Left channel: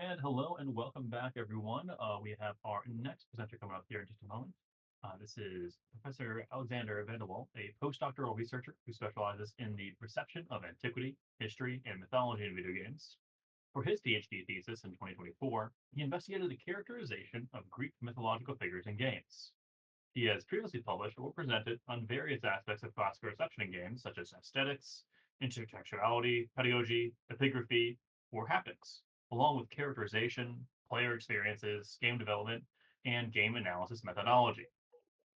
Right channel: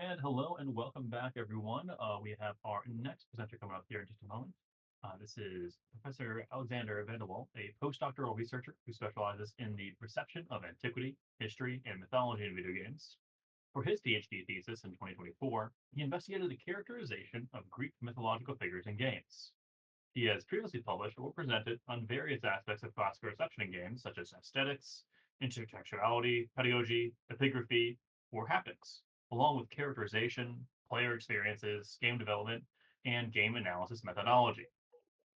And hello and welcome back, everyone. We have our next presenter coming up here in just a moment. This is Professor Alexander Vandewalle, a postdoctoral researcher who specializes in the perception of antiquity, history, and mythology in video games. For his PhD thesis in 2024, he investigated the characterization of Greek mythological figures in games. He has previously published or presented on various aspects of classical reception in games, such as aesthetics, intertextuality, pedagogy, epigraphy, or haptics, along with characterization, player experiences, game development, and game analysis methodology.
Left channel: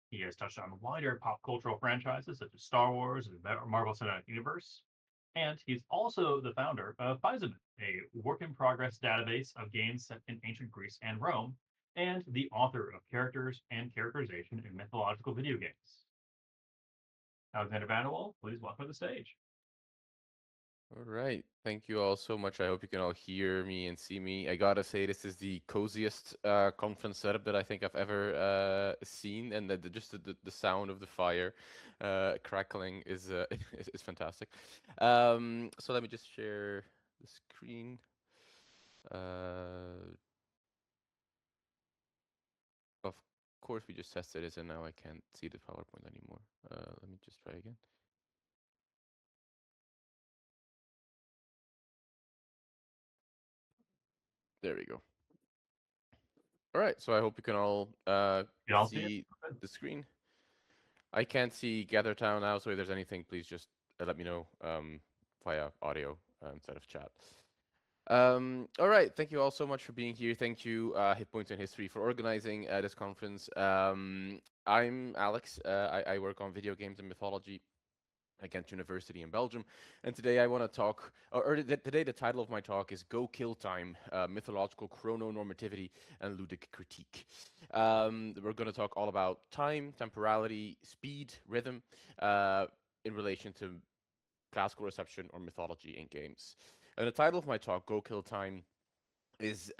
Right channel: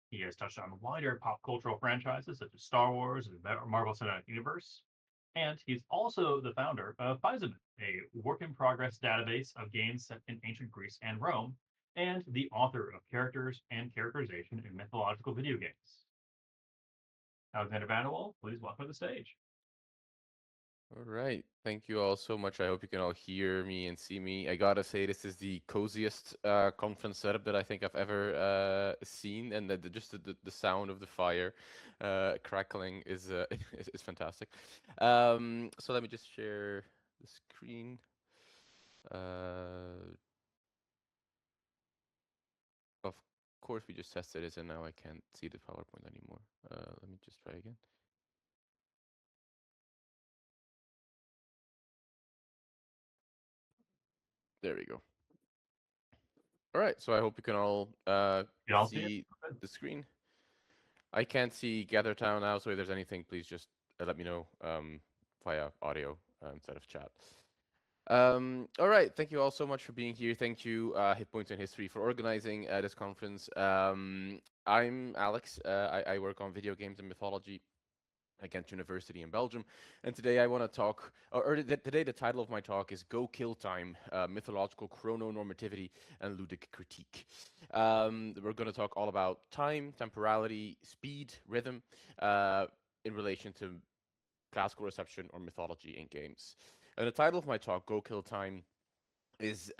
He has touched on wider pop cultural franchises such as Star Wars and Marvel Cinematic Universe. And he's also the founder of Paisamen, a work in progress database of games set in ancient Greece and Rome, and the author of Characters and Characterization in Mythological Video Games. Alexander Vanderwall, please welcome to the stage. All right. Thank you all so much. I hope you can all hear me and see me. I gotta say, this is the coziest conference setup that I think I've ever seen, and just the sound of the fire crackling is, is fantastic. So let me just share the screen. Uh, of course, we just tested it, and now I can't see the PowerPoint anymore. Let me just try again. There we go. All right. So I hope you can all Y'all see it? see the screen. I can't see Gather Town now, so if there's anything, please just let me know via audio instead of chat. All right, thank you all so much for being here. Thank you, Hit Points in History, for organizing this conference. I'm Alex. I work on video games and mythology at Ghent University in Belgium. And today I want to talk, today the title of my talk is Go Kill Time, Mythological Chrononormativity and Ludic Critique. We're going to talk all about time, temporality, speed, rhythm, in relation to classical reception or mythology in games. And the title of my talk, Go Kill Time, is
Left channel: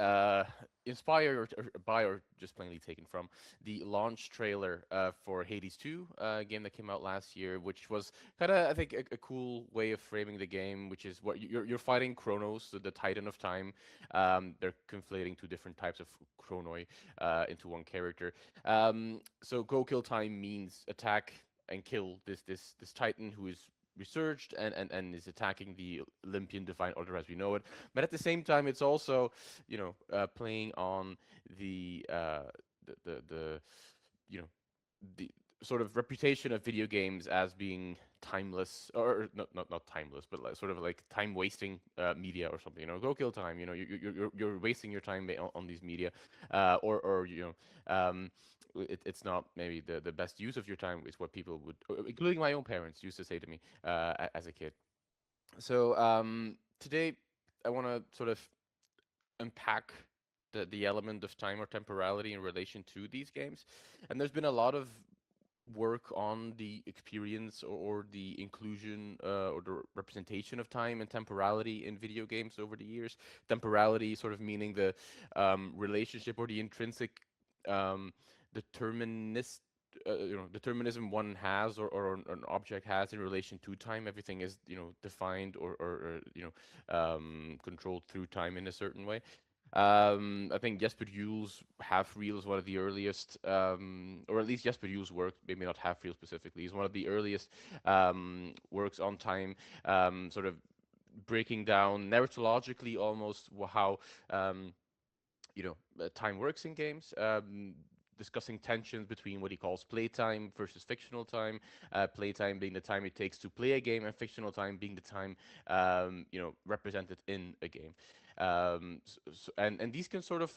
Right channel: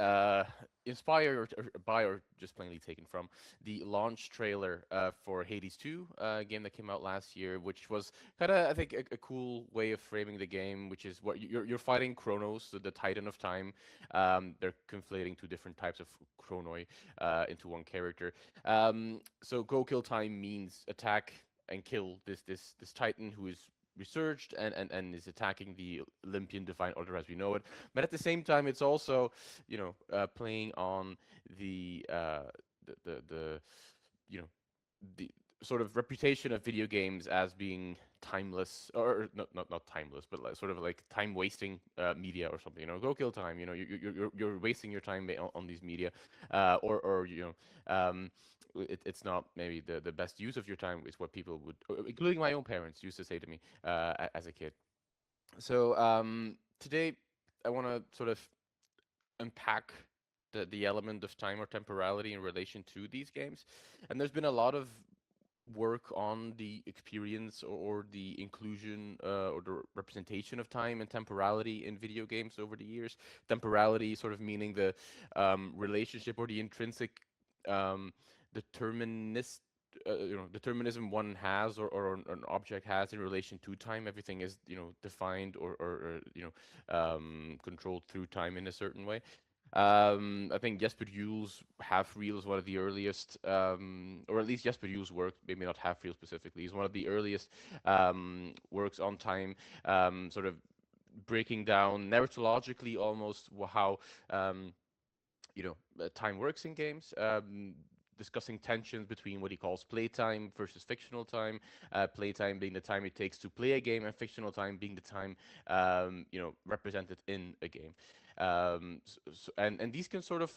inspired by or just plainly taken from the launch trailer for Hades 2, game that came out last year, which was kind of, I think, a cool way of framing the game, which is what you're fighting Chronos, the titan of time. They're conflating two different types of chronoi into one character. So Go Kill Time means attack and kill this titan who is resurged and is attacking the Olympian divine order as we know it. But at the same time, it's also, playing on the, the you know, the sort of reputation of video games as being timeless, or not timeless, but like, sort of like time wasting media or something. Go kill time. You're wasting your time on these media, or it's not maybe the best use of your time is what people would, including my own parents, used to say to me as a kid. So today I want to sort of unpack the element of time or temporality in relation to these games. And there's been a lot of work on the experience or the inclusion or the representation of time and temporality in video games over the years. Temporality sort of meaning the relationship or the intrinsic um, determinist. Determinism one has or an object has in relation to time. Everything is, defined or controlled through time in a certain way. I think Jesper Jules Half Real is one of the earliest, or at least Jesper Jules' work, maybe not Half Real specifically, is one of the earliest works on time, sort of breaking down narratologically almost how time works in games. Discussing tensions between what he calls playtime versus fictional time. Playtime being the time it takes to play a game, and fictional time being the time represented in a game. And these can sort of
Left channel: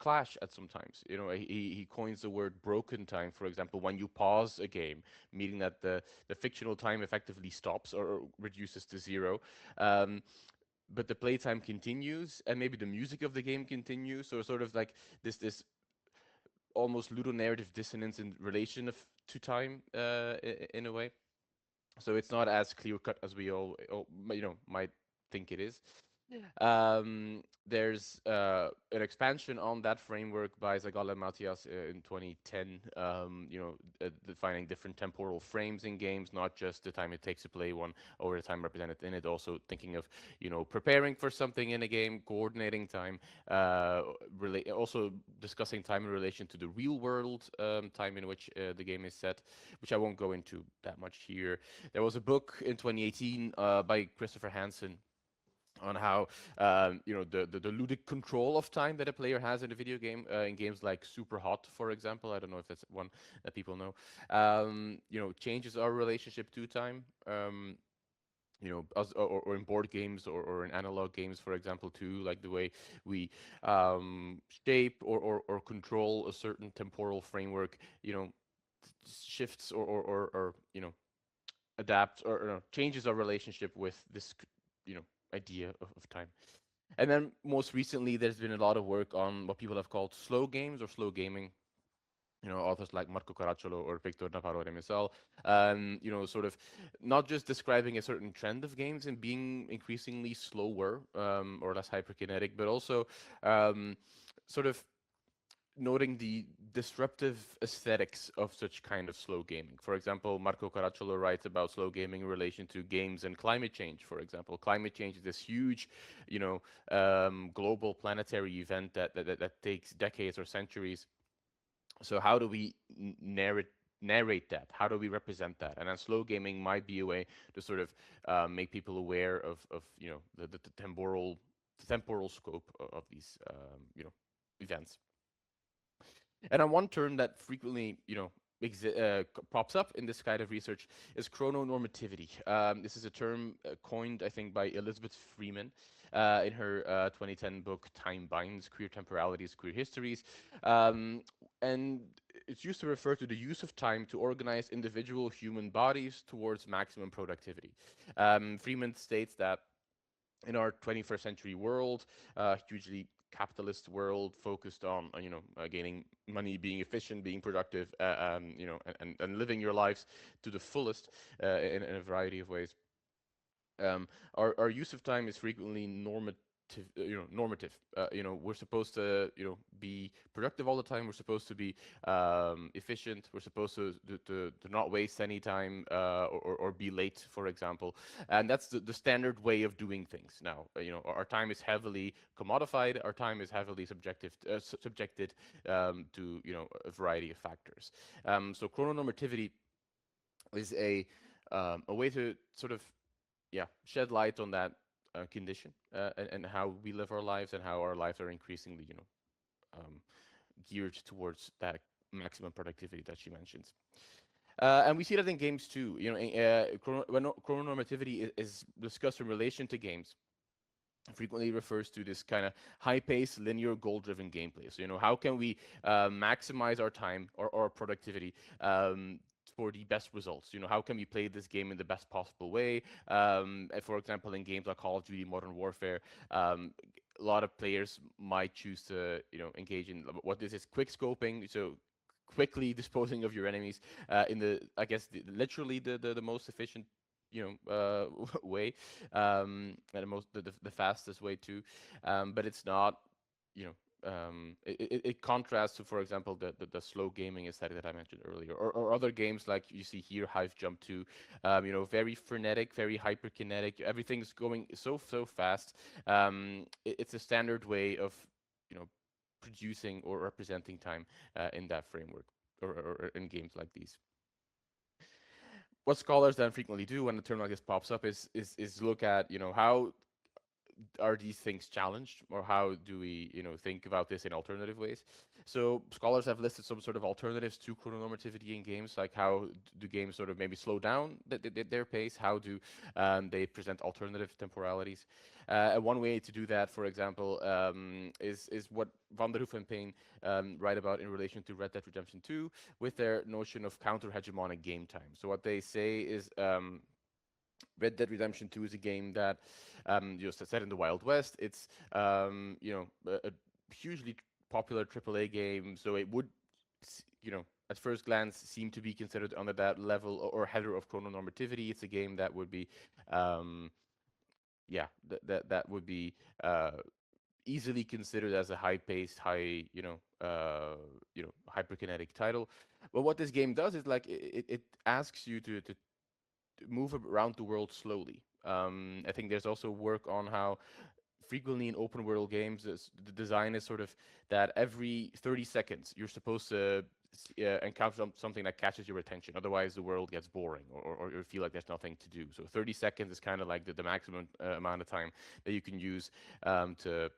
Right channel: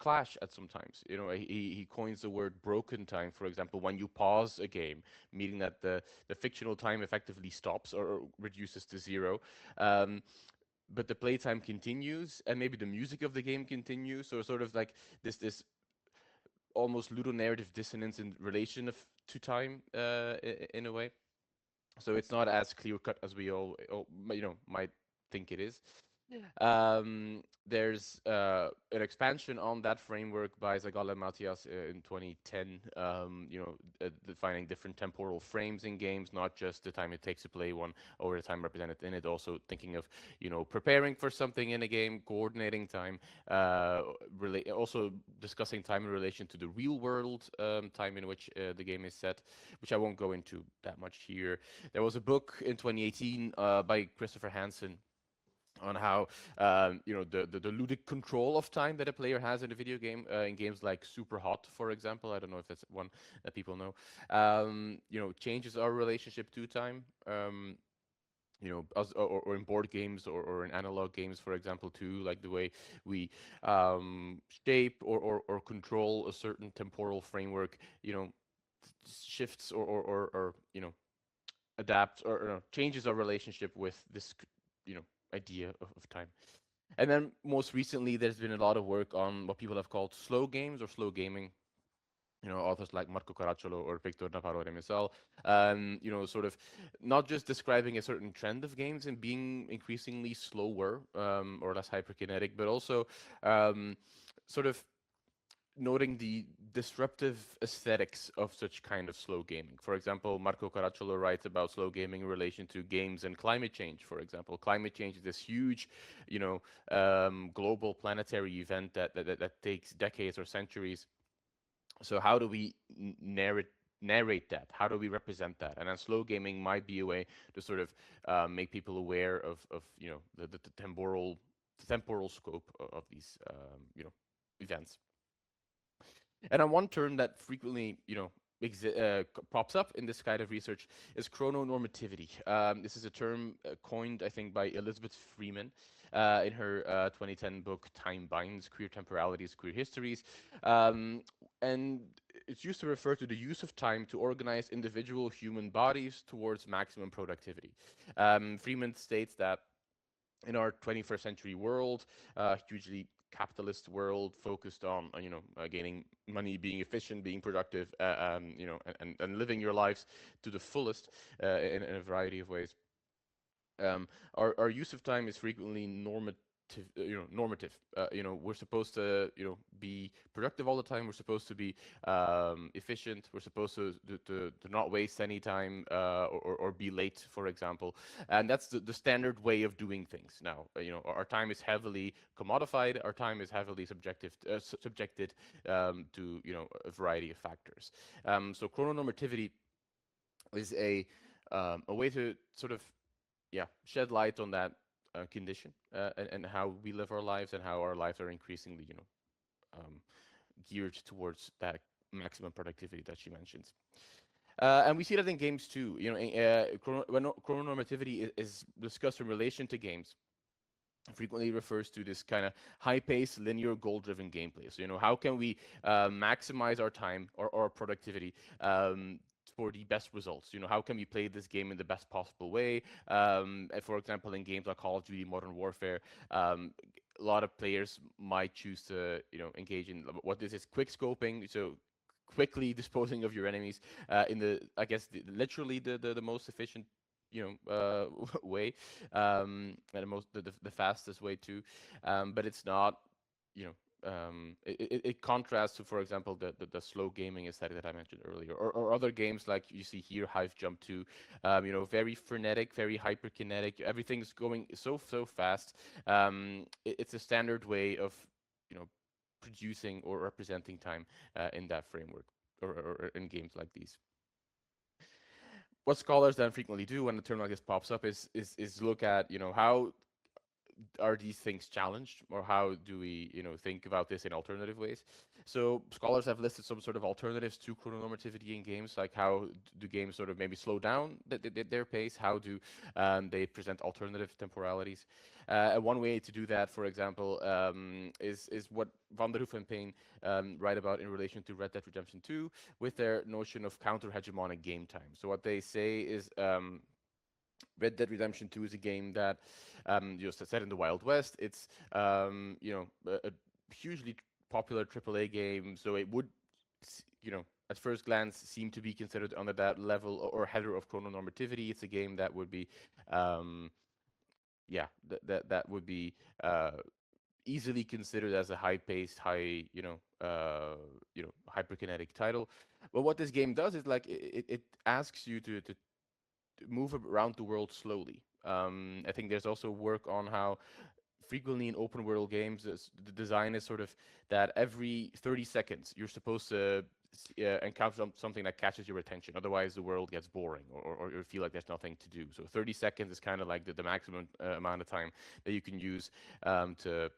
clash at sometimes. He coins the word broken time, for example, when you pause a game, meaning that the fictional time effectively stops or reduces to zero. Um, but the playtime continues, and maybe the music of the game continues. So sort of like this almost ludonarrative dissonance in relation to time, in a way. So it's not as clear cut as we all might think it is. There's an expansion on that framework by Zagala and Matias in 2010, defining different temporal frames in games, not just the time it takes to play one or the time represented in it, also thinking of, preparing for something in a game, coordinating time, also discussing time in relation to the real world time in which the game is set, which I won't go into that much here. There was a book in 2018 by Christopher Hansen on how the ludic control of time that a player has in a video game in games like Super Hot, for example. I don't know if that's one that people know. Changes our relationship to time. Or in board games or in analog games, for example, too, like the way we shape or control a certain temporal framework, shifts or adapts or changes our relationship with this idea of time. And then most recently, there's been a lot of work on what people have called slow games or slow gaming. Authors like Marco Caracciolo or Victor Navarro de Misal, sort of not just describing a certain trend of games and being increasingly slower or less hyperkinetic, but also sort of noting the disruptive aesthetics of such kind of slow gaming. For example, Marco Caracciolo writes about slow gaming in relation to games and climate change. For example, climate change is this huge, global planetary event that takes decades or centuries. So how do we narrate that? How do we represent that? And then slow gaming might be a way to sort of make people aware of the temporal scope of these events. And on one term that frequently, pops up in this kind of research is chrononormativity. This is a term coined, I think, by Elizabeth Freeman in her 2010 book Time Binds: Queer Temporalities, Queer Histories. And it's used to refer to the use of time to organize individual human bodies towards maximum productivity. Freeman states that in our 21st century world, hugely capitalist world focused on gaining money, being efficient, being productive, and living your lives to the fullest in a variety of ways. Our use of time is frequently normative. We're supposed to, be productive all the time. We're supposed to be efficient. We're supposed to not waste any time or be late, for example. And that's the standard way of doing things now. Our time is heavily commodified. Our time is heavily subjected to, a variety of factors. So chrononormativity is a way to sort of shed light on that condition and how we live our lives and how our lives are increasingly um, geared towards that maximum productivity that she mentions. And we see that in games too. When chrononormativity is discussed in relation to games, frequently refers to this kind of high-paced, linear, goal-driven gameplay. So, how can we maximize our time or productivity for the best results? How can we play this game in the best possible way? For example, in games like Call of Duty Modern Warfare, a lot of players might choose to, engage in what this is quick scoping. So quickly disposing of your enemies in the, I guess, literally the most efficient way, and the fastest way too. But it's not, you know. It contrasts to, for example, the slow gaming aesthetic that I mentioned earlier, or other games like you see here, Hive Jump 2, very frenetic, very hyperkinetic. Everything's going so fast. It's a standard way of, you know, producing or representing time in that framework or in games like these. What scholars then frequently do when a term like this pops up is look at, how are these things challenged, or how do we, think about this in alternative ways? So scholars have listed some sort of alternatives to chrononormativity in games, like how do games sort of maybe slow down their pace? How do they present alternative temporalities? And one way to do that, for example, is what Van der Hoof and Payne write about in relation to Red Dead Redemption 2 with their notion of counter-hegemonic game time. So what they say is Red Dead Redemption 2 is a game that just set in the Wild West. It's a hugely popular AAA game, so it would, at first glance, seem to be considered under that level or header of chrononormativity. It's a game that would be yeah, that would be uh, easily considered as a high-paced, hyperkinetic title. But what this game does is like it asks you to move around the world slowly. I think there's also work on how frequently in open world games, the design is sort of that every 30 seconds you're supposed to encounter something that catches your attention. Otherwise, the world gets boring, or you feel like there's nothing to do. So 30 seconds is kind of like the maximum amount of time that you can use to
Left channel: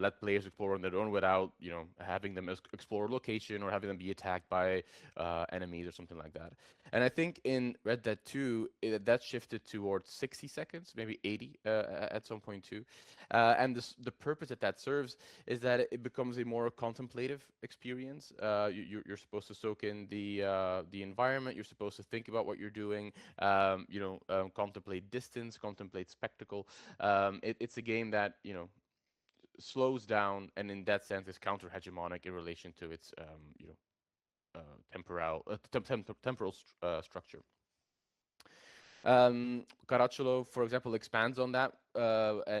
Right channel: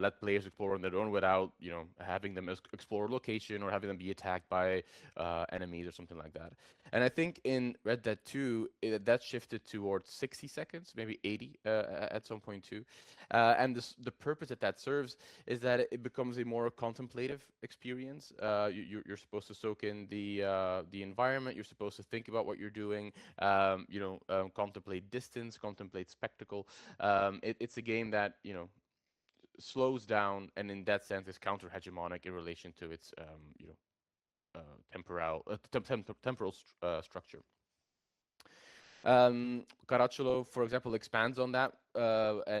let players explore on their own without, having them explore a location or having them be attacked by enemies or something like that. And I think in Red Dead 2, that shifted towards 60 seconds, maybe 80 at some point too. And the purpose that that serves is that it becomes a more contemplative experience. You're supposed to soak in the environment. You're supposed to think about what you're doing. Contemplate distance, contemplate spectacle. It's a game that slows down, and in that sense is counter hegemonic in relation to its temporal structure. Caracciolo, for example, expands on that,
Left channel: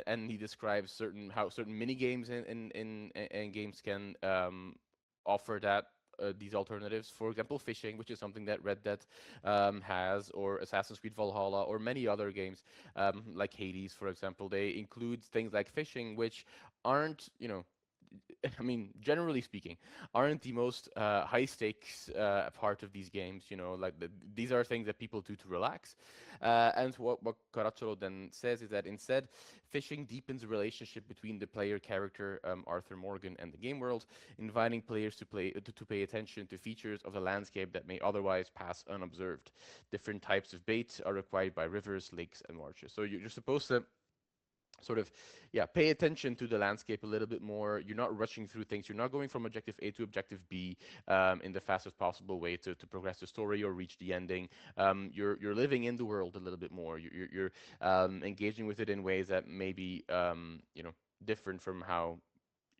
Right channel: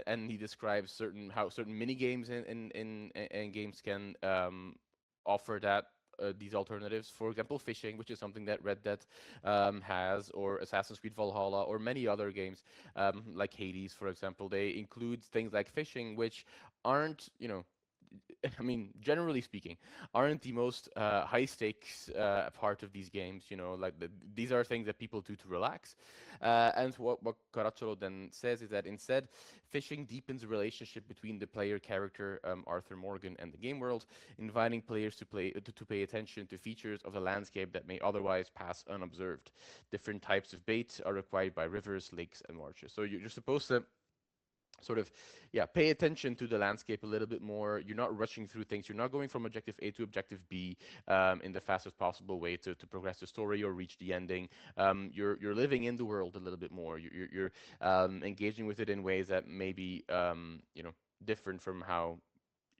and he describes certain mini games in games can offer that. These alternatives, for example, fishing, which is something that Red Dead has, or Assassin's Creed Valhalla, or many other games like Hades, for example, they include things like fishing, which aren't, I mean, generally speaking, aren't the most high stakes part of these games. Like these are things that people do to relax. And what Caracciolo then says is that instead, fishing deepens the relationship between the player character, Arthur Morgan, and the game world, inviting players to pay attention to features of the landscape that may otherwise pass unobserved. Different types of bait are required by rivers, lakes, and marshes. So you're supposed to sort of, yeah, pay attention to the landscape a little bit more. You're not rushing through things. You're not going from objective A to objective B in the fastest possible way to progress the story or reach the ending. You're living in the world a little bit more. You're engaging with it in ways that may be different from how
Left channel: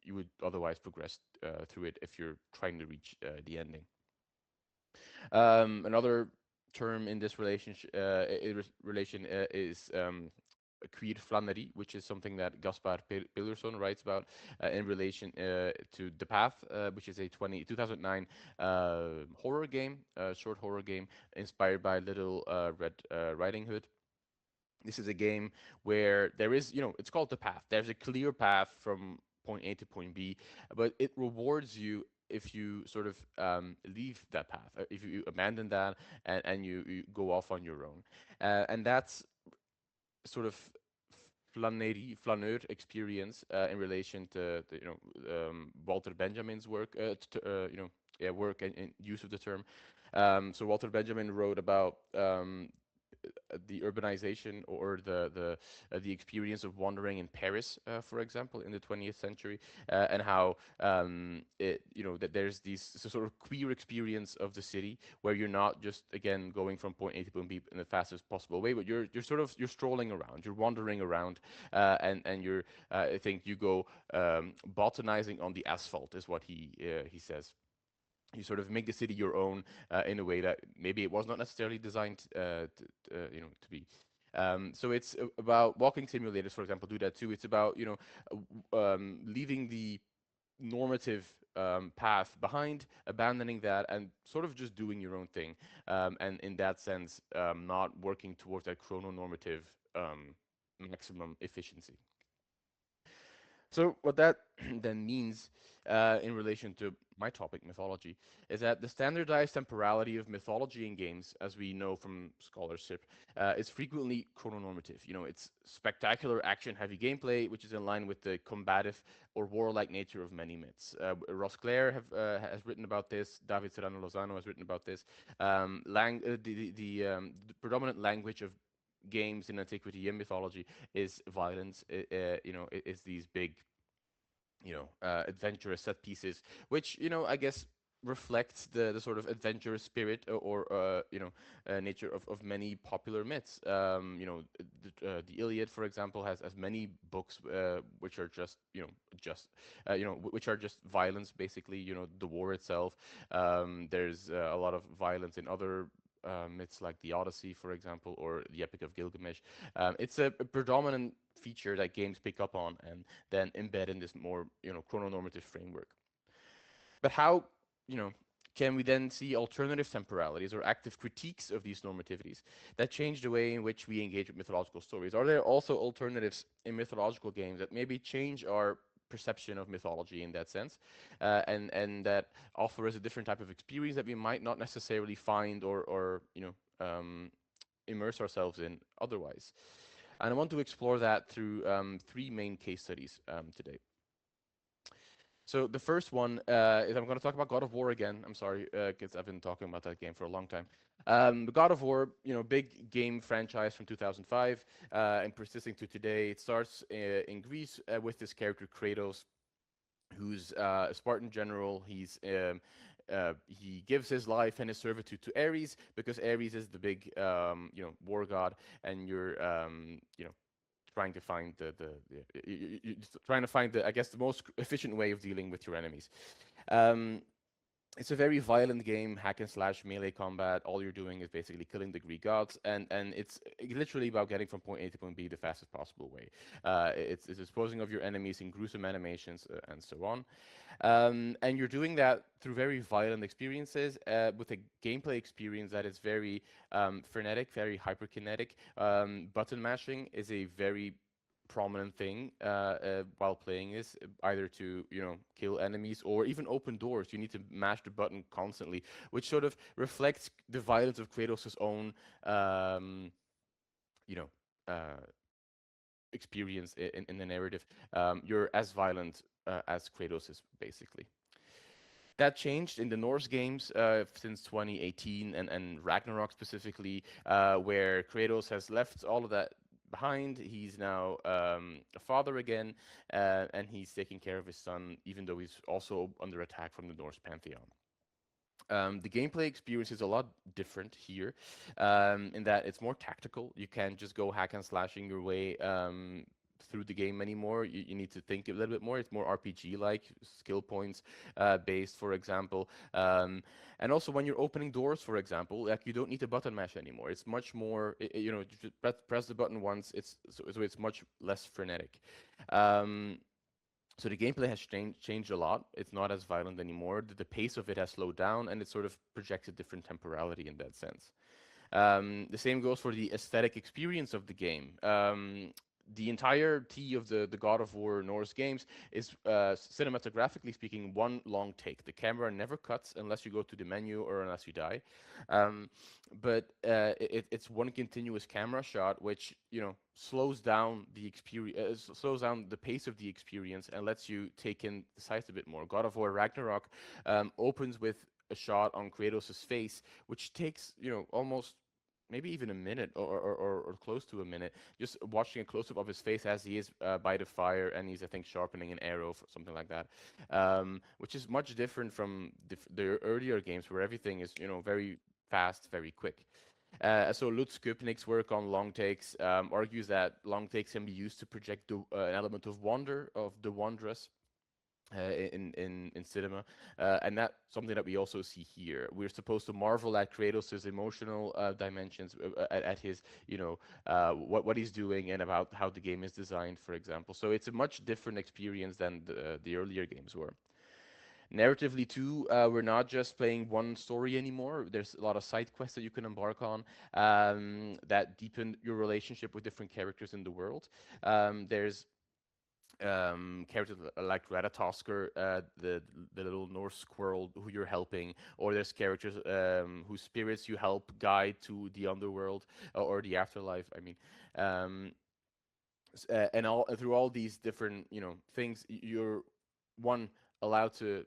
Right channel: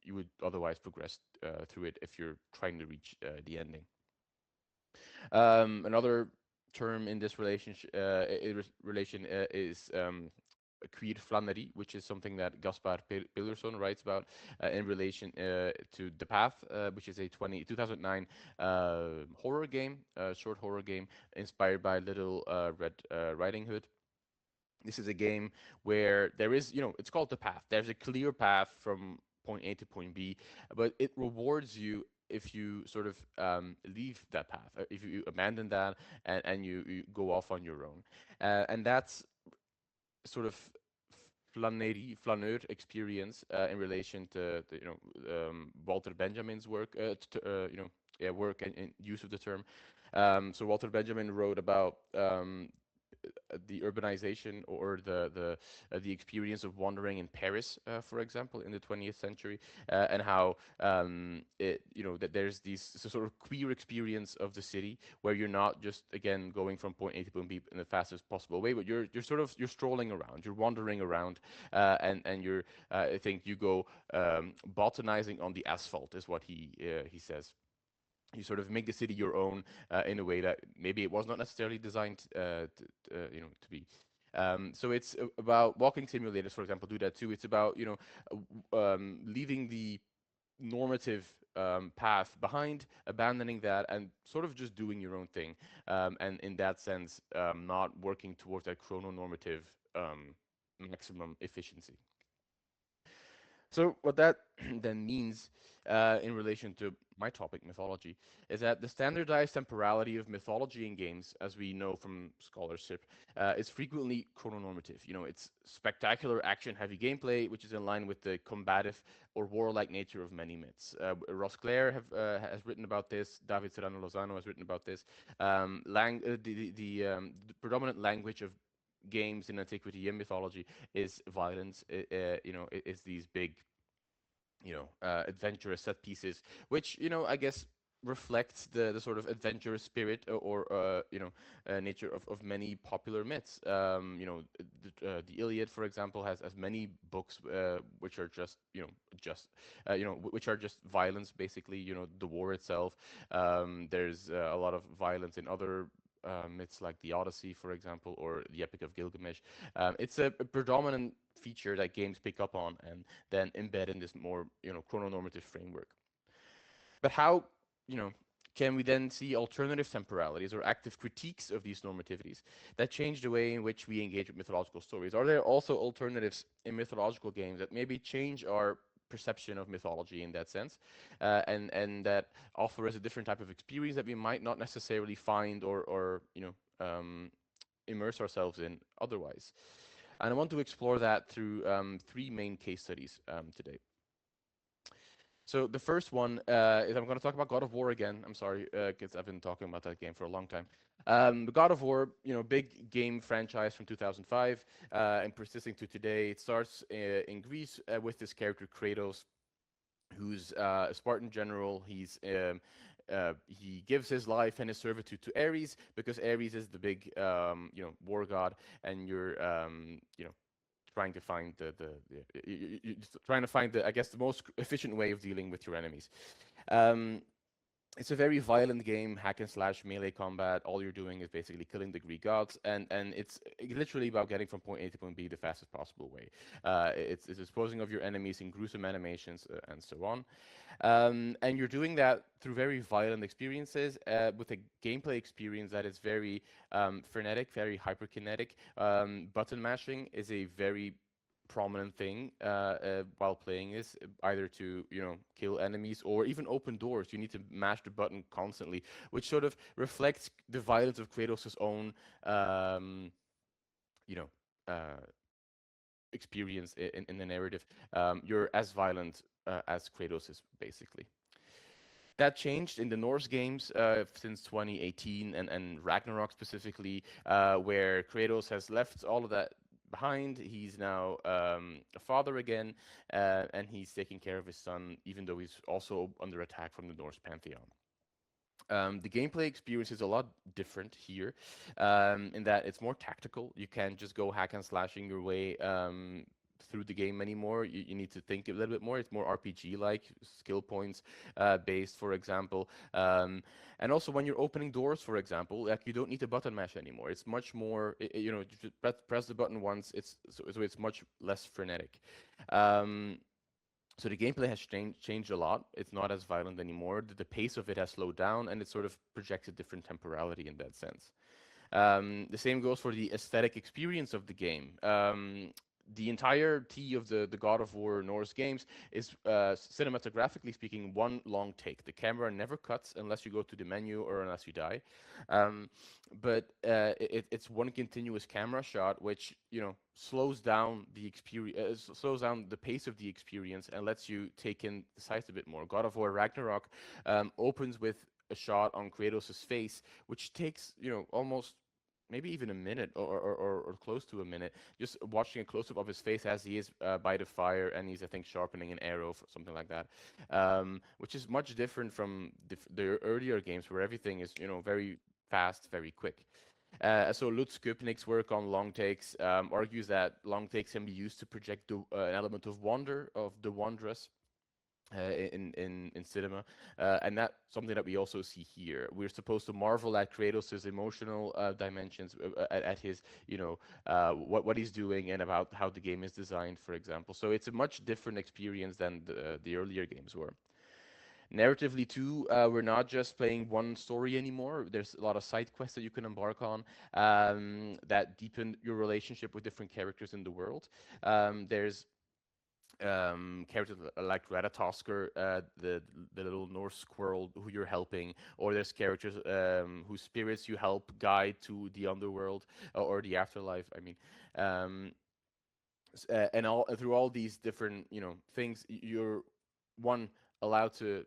you would otherwise progress through it if you're trying to reach the ending. Another term in this relation is queer flânerie, which is something that Gaspar Pillerson writes about in relation to The Path, which is a 2009 horror game, short horror game inspired by Little Red Riding Hood. This is a game where there is, it's called The Path. There's a clear path from point A to point B, but it rewards you if you sort of leave that path, if you abandon that and you go off on your own. And that's sort of flaneur experience in relation to Walter Benjamin's work, yeah, work and use of the term. So Walter Benjamin wrote about the urbanization or the experience of wandering in Paris, for example, in the 20th century, and how that there's these sort of queer experience of the city where you're not just again going from point A to point B in the fastest possible way, but you're strolling around, you're wandering around, and you're I think you go botanizing on the asphalt is what he says. You sort of make the city your own in a way that maybe it was not necessarily designed to be. So it's about walking simulators, for example, do that too. It's about leaving the normative path behind, abandoning that, and sort of just doing your own thing. And in that sense, not working towards that chrononormative maximum efficiency. So what that then means in relation to my topic, mythology, is that the standardized temporality of mythology in games, as we know from scholarship, is frequently chrononormative. It's spectacular action-heavy gameplay, which is in line with the combative or warlike nature of many myths. Ross Clare has written about this. David Serrano Lozano has written about this. The predominant language of games in antiquity and mythology is violence. It's these big adventurous set pieces, which I guess reflects the sort of adventurous spirit or nature of many popular myths. The Iliad, for example, has many books which are which are just violence, basically. The war itself. There's a lot of violence in other myths like the Odyssey, for example, or the Epic of Gilgamesh. It's a predominant feature that games pick up on and then embed in this more, chrononormative framework. But how, you know, can we then see alternative temporalities or active critiques of these normativities that change the way in which we engage with mythological stories? Are there also alternatives in mythological games that maybe change our perception of mythology in that sense, and that offer us a different type of experience that we might not necessarily find or immerse ourselves in otherwise? And I want to explore that through three main case studies today. So the first one is I'm going to talk about God of War again. I'm sorry, because I've been talking about that game for a long time. The God of War, big game franchise from 2005, and persisting to today. It starts in Greece with this character Kratos, who's a Spartan general. He gives his life and his servitude to Ares because Ares is the big war god, and you're trying to find trying to find the, I guess, the most efficient way of dealing with your enemies. Um, it's a very violent game, hack and slash, melee combat. All you're doing is basically killing the Greek gods, and it's literally about getting from point A to point B the fastest possible way. It's disposing of your enemies in gruesome animations and so on. And you're doing that through very violent experiences with a gameplay experience that is very frenetic, very hyperkinetic. Button mashing is a very prominent thing while playing is either to kill enemies or even open doors. You need to mash the button constantly, which sort of reflects the violence of Kratos' own you know uh, experience in the narrative. You're as violent as Kratos is, basically. That changed in the Norse games since 2018 and Ragnarök specifically, where Kratos has left all of that behind. He's now a father again, and he's taking care of his son, even though he's also under attack from the Norse pantheon. The gameplay experience is a lot different here, in that it's more tactical. You can't just go hack and slashing your way through the game anymore. You need to think a little bit more. It's more RPG-like, skill points based, for example. And also, when you're opening doors, for example, like, you don't need to button mash anymore. It's much more, you just press the button once. So it's much less frenetic. So the gameplay has changed a lot. It's not as violent anymore. The pace of it has slowed down, and it sort of projects a different temporality in that sense. The same goes for the aesthetic experience of the game. The entirety of the God of War Norse games is, cinematographically speaking, one long take. The camera never cuts unless you go to the menu or unless you die. But it's one continuous camera shot, which slows down the experience, slows down the pace of the experience, and lets you take in the sights a bit more. God of War Ragnarok opens with a shot on Kratos' face, which takes almost maybe even a minute or close to a minute, just watching a close up of his face as he is by the fire, and he's, I think, sharpening an arrow, something like that, which is much different from the earlier games where everything is very fast, very quick. So Lutz Köpnick's work on long takes argues that long takes can be used to project an element of wonder, of the wondrous, in cinema, and that's something that we also see here. We're supposed to marvel at Kratos' emotional dimensions, at his what he's doing, and about how the game is designed, for example. So it's a much different experience than the earlier games were. Narratively too, we're not just playing one story anymore. There's a lot of side quests that you can embark on that deepen your relationship with different characters in the world. There's characters like Ratatoskr, the little Norse squirrel who you're helping, or there's characters whose spirits you help guide to the underworld, or the afterlife. I mean, and all through all these different things, you're one allowed to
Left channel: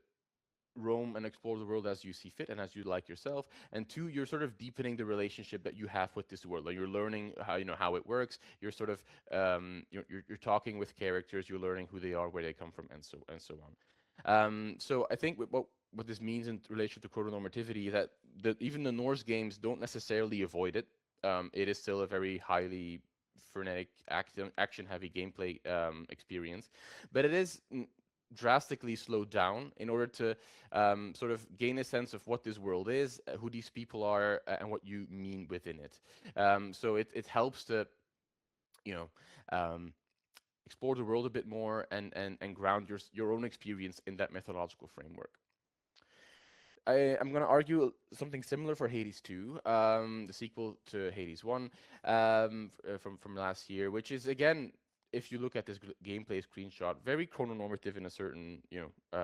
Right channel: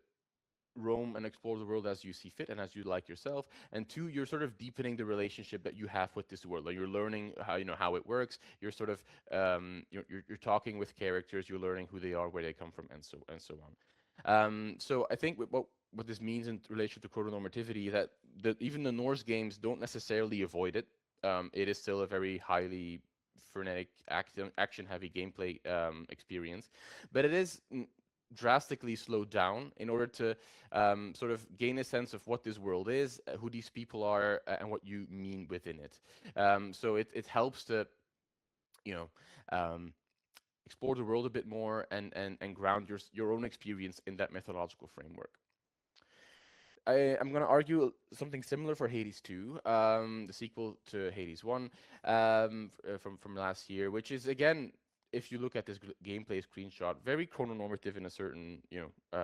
roam and explore the world as you see fit and as you like yourself, and two, you're sort of deepening the relationship that you have with this world. Like, you're learning how it works. You're sort of you're talking with characters. You're learning who they are, where they come from, and so on. So I think what this means in relation to chrononormativity is that even the Norse games don't necessarily avoid it. It is still a very highly frenetic, action heavy gameplay experience, but it is drastically slowed down in order to sort of gain a sense of what this world is, who these people are, and what you mean within it. So it helps to, you know, explore the world a bit more and ground your own experience in that methodological framework. I'm going to argue something similar for Hades 2, the sequel to Hades 1, from last year, which is, again, if you look at this gameplay screenshot, very chrononormative in a certain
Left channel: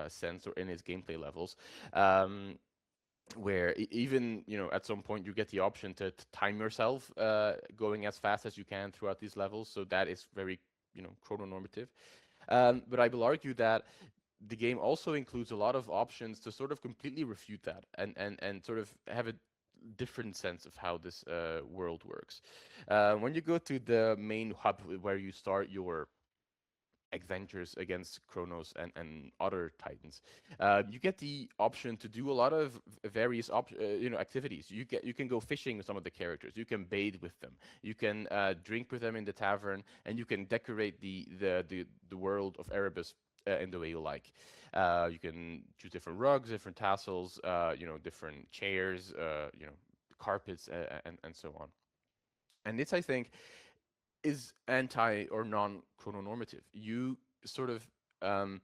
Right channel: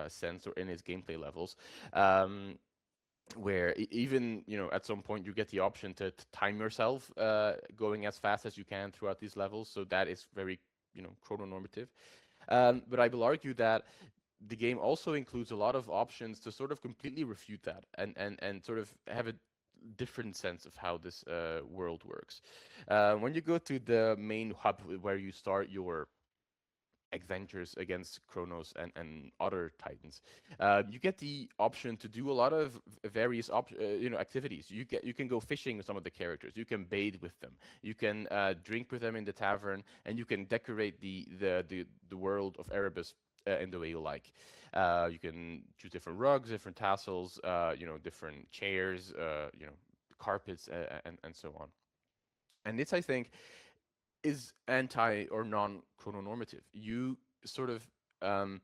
sense, or in its gameplay levels. Where even at some point you get the option to time yourself going as fast as you can throughout these levels, so that is very chrononormative. But I will argue that the game also includes a lot of options to sort of completely refute that, and sort of have a different sense of how this world works. When you go to the main hub where you start your adventures against Kronos and other titans, you get the option to do a lot of various activities. You can go fishing with some of the characters. You can bathe with them. You can drink with them in the tavern, and you can decorate the world of Erebus in the way you like. You can choose different rugs, different tassels, different chairs, carpets, and so on. And this, I think, is anti or non chrononormative. You sort of um,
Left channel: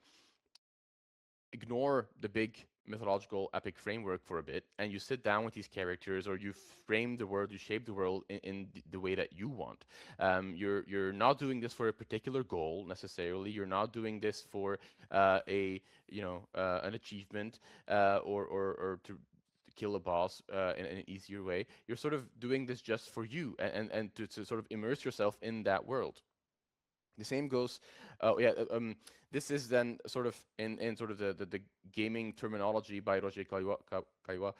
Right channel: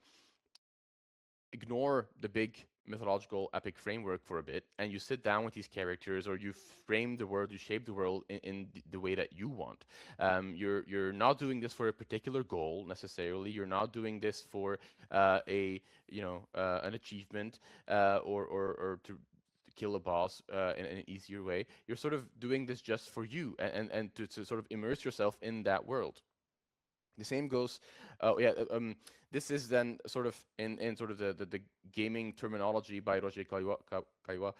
ignore the big mythological epic framework for a bit, and you sit down with these characters, or you frame the world, you shape the world in the way that you want. You're not doing this for a particular goal necessarily. You're not doing this for an achievement, or to kill a boss in an easier way. You're sort of doing this just for you, and to sort of immerse yourself in that world. The same goes, this is then sort of in sort of the gaming terminology by Roger Caillois.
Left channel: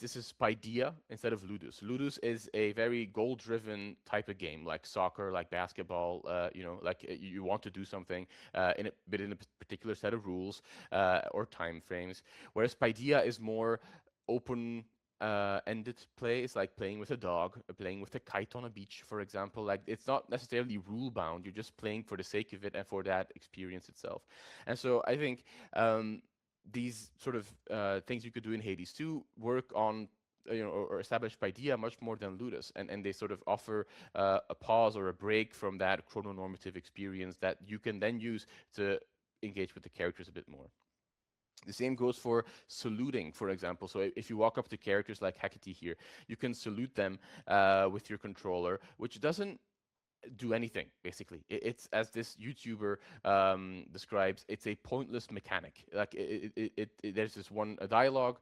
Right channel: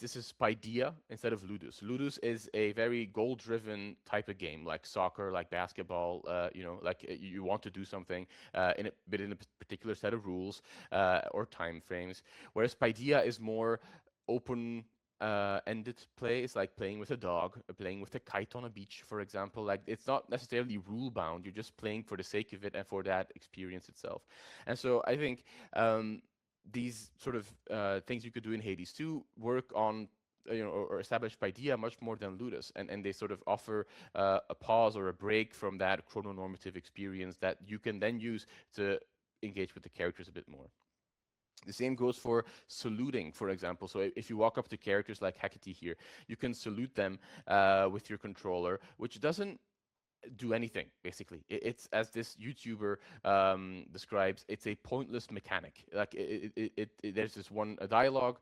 This is Paideia instead of Ludus. Ludus is a very goal-driven type of game, like soccer, like basketball. Like you want to do something within a particular set of rules or time frames. Whereas Paideia is more open ended play. Is like playing with a dog, playing with a kite on a beach, for example. Like it's not necessarily rule bound. You're just playing for the sake of it and for that experience itself. And so I think these sort of things you could do in Hades 2 work on or established Paideia much more than Ludus, and they sort of offer a pause or a break from that chrononormative experience that you can then use to engage with the characters a bit more. The same goes for saluting, for example. So if you walk up to characters like Hecate here, you can salute them with your controller, which doesn't do anything, basically. It's, as this YouTuber describes, it's a pointless mechanic. Like there's this a dialogue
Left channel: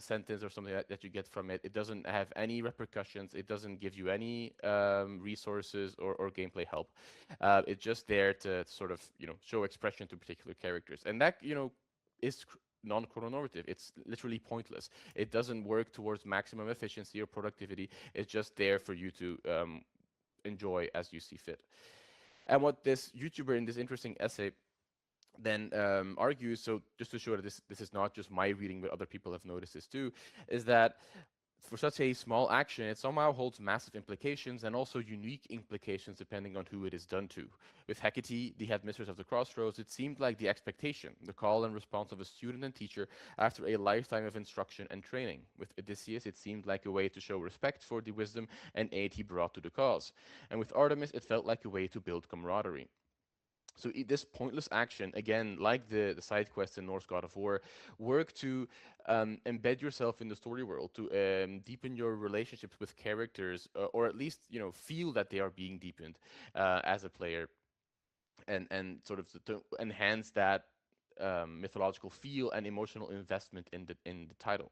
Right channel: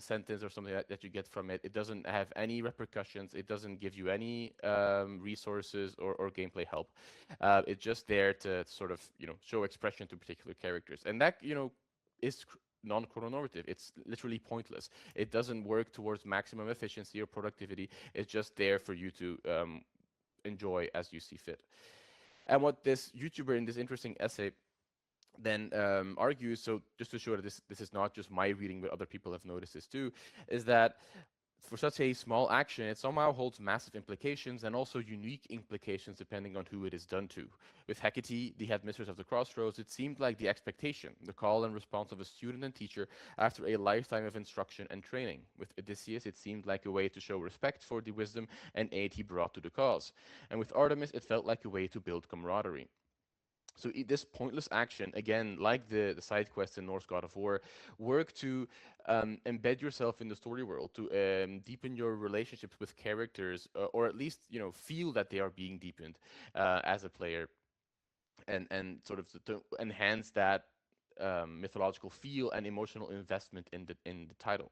sentence or something that you get from it. It doesn't have any repercussions. It doesn't give you any resources or gameplay help. It's just there to sort of show expression to particular characters, and that is non-chrononormative. It's literally pointless. It doesn't work towards maximum efficiency or productivity. It's just there for you to enjoy as you see fit. And what this YouTuber in this interesting essay then argues, so just to show that this is not just my reading, but other people have noticed this too, is that for such a small action, it somehow holds massive implications and also unique implications depending on who it is done to. With Hecate, the headmistress of the Crossroads, it seemed like the expectation, the call and response of a student and teacher after a lifetime of instruction and training. With Odysseus, it seemed like a way to show respect for the wisdom and aid he brought to the cause. And with Artemis, it felt like a way to build camaraderie. So this pointless action, again, like the side quests in Norse God of War, work to embed yourself in the story world, to deepen your relationships with characters, or at least feel that they are being deepened as a player, and sort of to enhance that mythological feel and emotional investment in the title.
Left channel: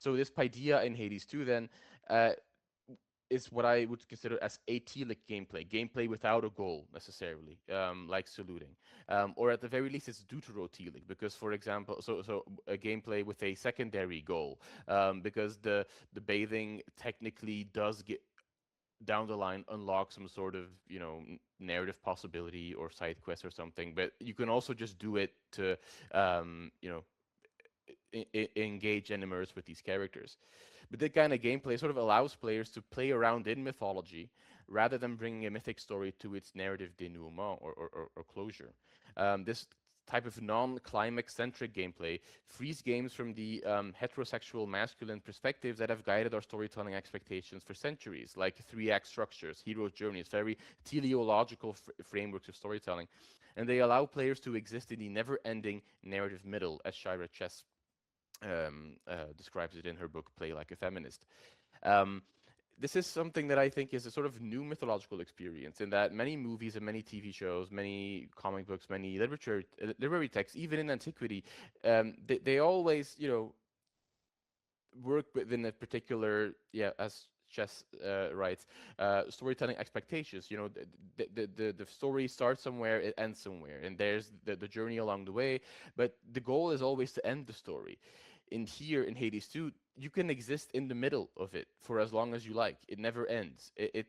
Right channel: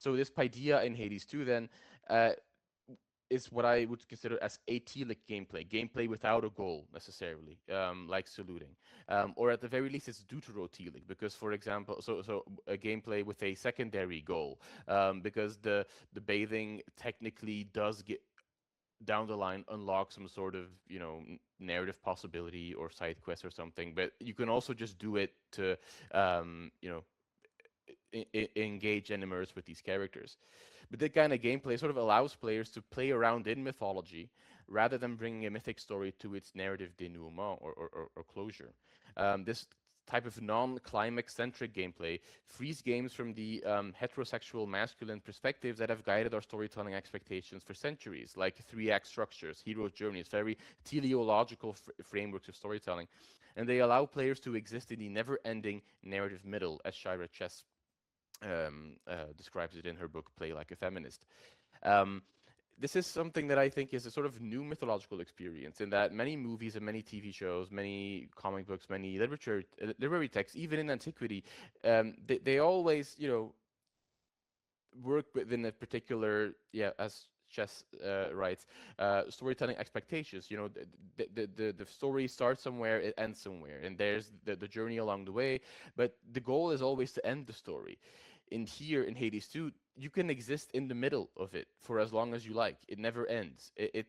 So this Paideia in Hades 2 then is what I would consider as atelic gameplay without a goal necessarily, like saluting, or at the very least it's deuterotelic, because for example, so a gameplay with a secondary goal, because the bathing technically does get down the line unlock some sort of narrative possibility or side quest or something, but you can also just do it to engage and immerse with these characters. But that kind of gameplay sort of allows players to play around in mythology rather than bringing a mythic story to its narrative denouement or closure. This type of non-climax-centric gameplay frees games from the heterosexual masculine perspectives that have guided our storytelling expectations for centuries, like three-act structures, hero's journeys, very teleological frameworks of storytelling. And they allow players to exist in the never-ending narrative middle, as Shira Chess describes it in her book Play Like a Feminist. Um, this is something that I think is a sort of new mythological experience, in that many movies and many TV shows, many comic books, many literary texts, even in antiquity, they always, work within a particular, as Chess writes, storytelling expectations. The story starts somewhere, it ends somewhere, and there's the journey along the way, but the goal is always to end the story. In here in Hades 2, you can exist in the middle of it for as long as you like. It never ends. It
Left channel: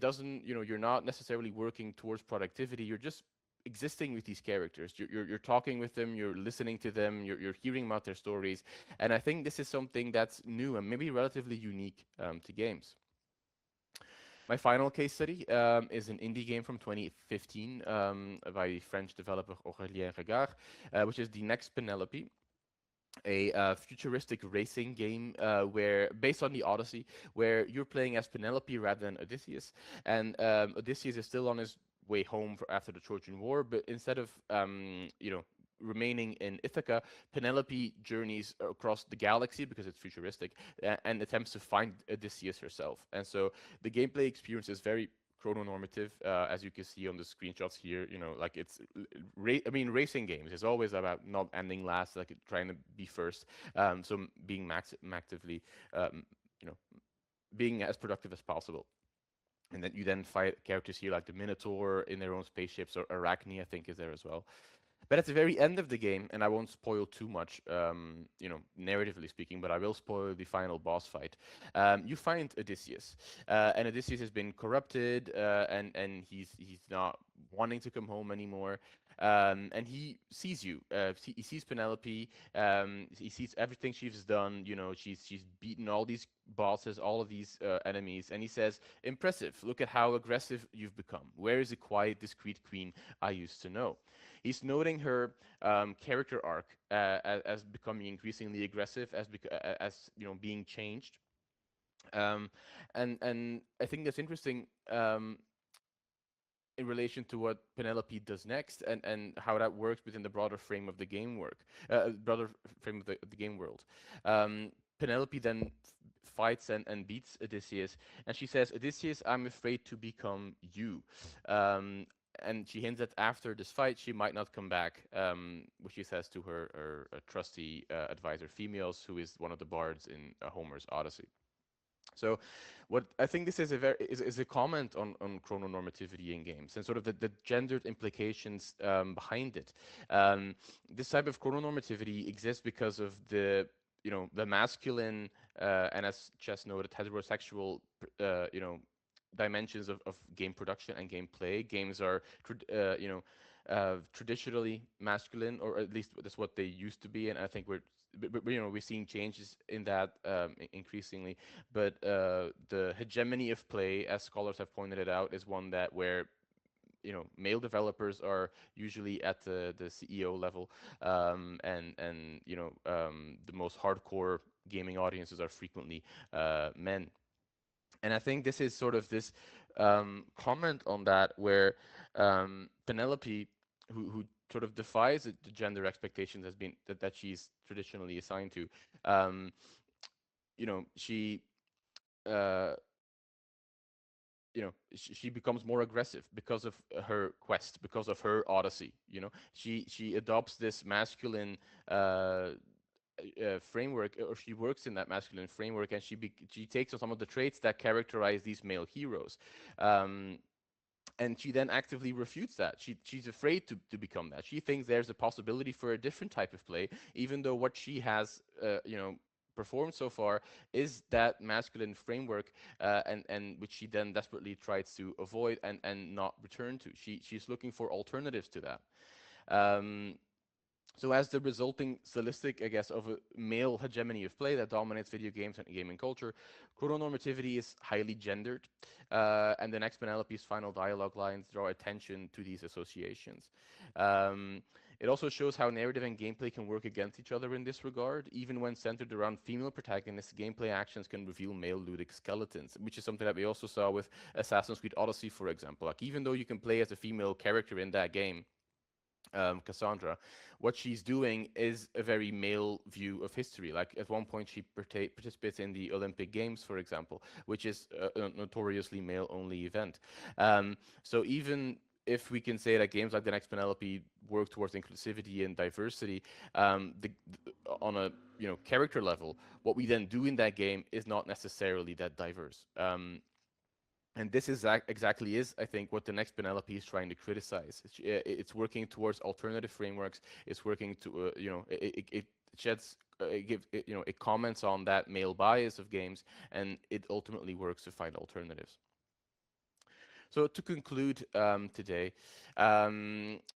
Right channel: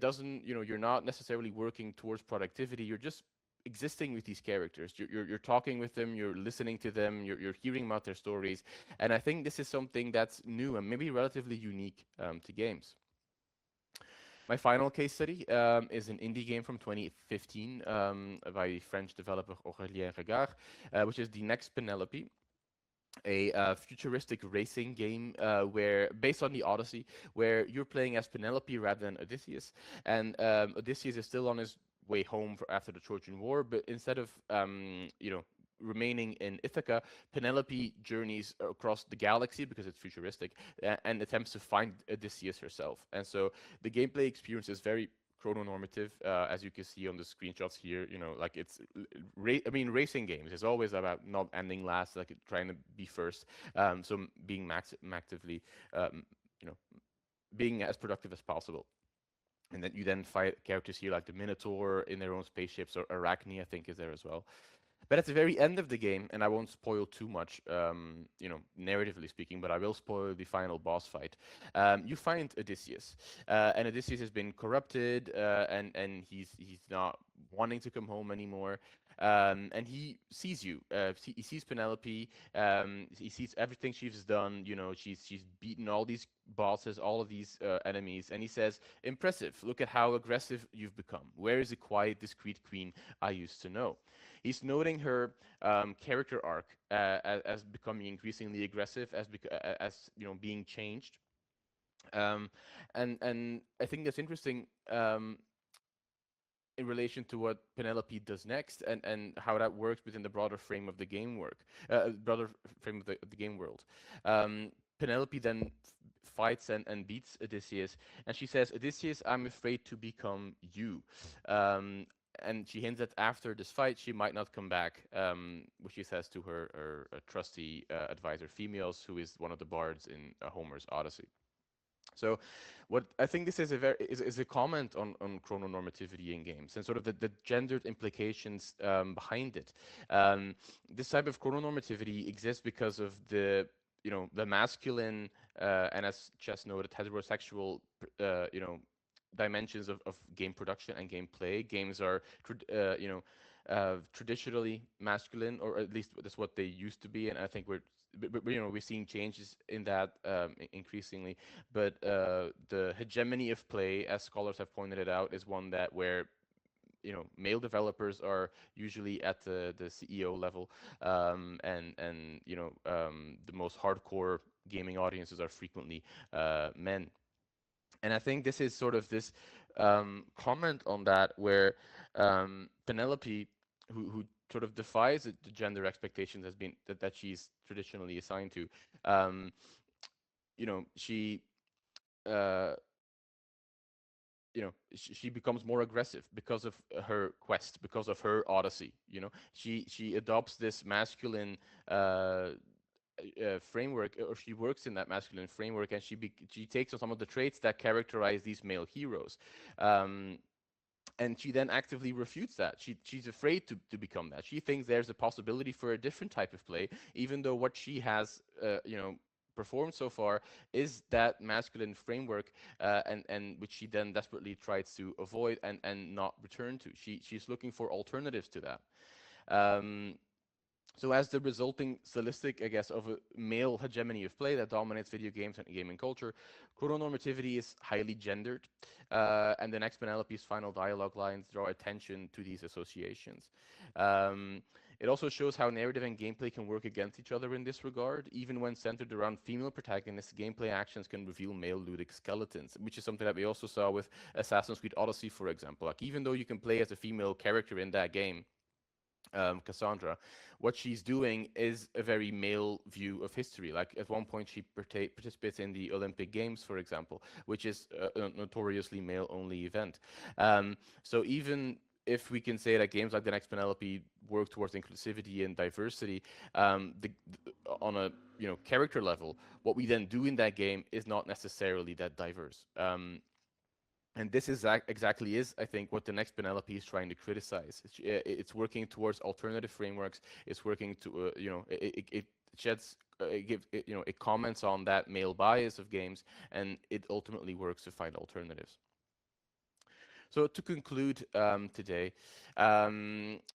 doesn't, you're not necessarily working towards productivity. You're just existing with these characters. You're talking with them, you're listening to them, you're hearing about their stories. And I think this is something that's new and maybe relatively unique to games. My final case study is an indie game from 2015 by French developer Aurélien Regard, which is the Next Penelope, a futuristic racing game where based on the Odyssey, where you're playing as Penelope rather than Odysseus, and Odysseus is still on his way home after the Trojan War, but instead of remaining in Ithaca, Penelope journeys across the galaxy because it's futuristic and attempts to find Odysseus herself. And so the gameplay experience is very chrononormative, as you can see on the screenshots here. Like it's, racing games is always about not ending last, like trying to be first. So being actively, being as productive as possible. And then you then fight characters here like the Minotaur in their own spaceships, or Arachne, I think, is there as well. But at the very end of the game, and I won't spoil too much, narratively speaking, but I will spoil the final boss fight. You find Odysseus, and Odysseus has been corrupted, and he's not wanting to come home anymore. And he sees you. He sees Penelope. He sees everything she's done. She's beaten all these bosses, all of these enemies, and he says, "Impressive! Look at how aggressive you've become. Where is the quiet, discreet queen I used to know?" He's noting her character arc as becoming increasingly aggressive, as being changed, and I think that's interesting. In relation to what Penelope does next, and how that works within the broader frame of the game broader frame of the game world. Penelope then fights and beats Odysseus, and she says, "Odysseus, I'm afraid to become you." And she hints that after this fight, she might not come back, which she says to her trusty advisor, Phemios, who is one of the bards in Homer's Odyssey. So, what I think this is a comment on chrononormativity in games and sort of the gendered implications behind it. This type of chrononormativity exists because of the masculine and, as Chess noted, heterosexual dimensions of game production and gameplay. Games are traditionally masculine, or at least that's what they used to be, and I think we're seeing changes in that increasingly. But the hegemony of play, as scholars have pointed it out, is one that where male developers are usually at the CEO level, and the most hardcore gaming audiences are frequently men. And I think this is sort of this comment on that, where Penelope, who sort of defies the gender expectations that she's traditionally assigned to, she uh, she becomes more aggressive because of her quest, because of her odyssey. She adopts this masculine framework, or she works in that masculine framework, and she takes on some of the traits that characterize these male heroes. And she then actively refutes that. She's afraid to become that. She thinks there's a possibility for a different type of play, even though what she has, performed so far is that masculine framework, and which she then desperately tries to avoid and not return to. She's looking for alternatives to that. So as the resulting stylistic, I guess, of a male hegemony of play that dominates video games and gaming culture, chrononormativity is highly gendered, and the Next Penelope's final dialogue lines draw attention to these associations. Um, it also shows how narrative and gameplay can work against each other in this regard. Even when centered around female protagonists, gameplay actions can reveal male ludic skeletons, which is something that we also saw with Assassin's Creed Odyssey, for example. Like, even though you can play as a female character in that game, Cassandra, what she's doing is a very male view of history. Like, at one point, she participates in the Olympic Games, for example, which is a notoriously male-only event. So even if we can say that games like the Next Penelope work towards inclusivity and diversity, on a character level, what we then do in that game is not necessarily that diverse. And this is exactly is, I think, what the Next Penelope is trying to criticize. It's working towards alternative frameworks. It's working to, it sheds, it gives, it comments on that male bias of games, and it ultimately works to find alternatives. So to conclude today, I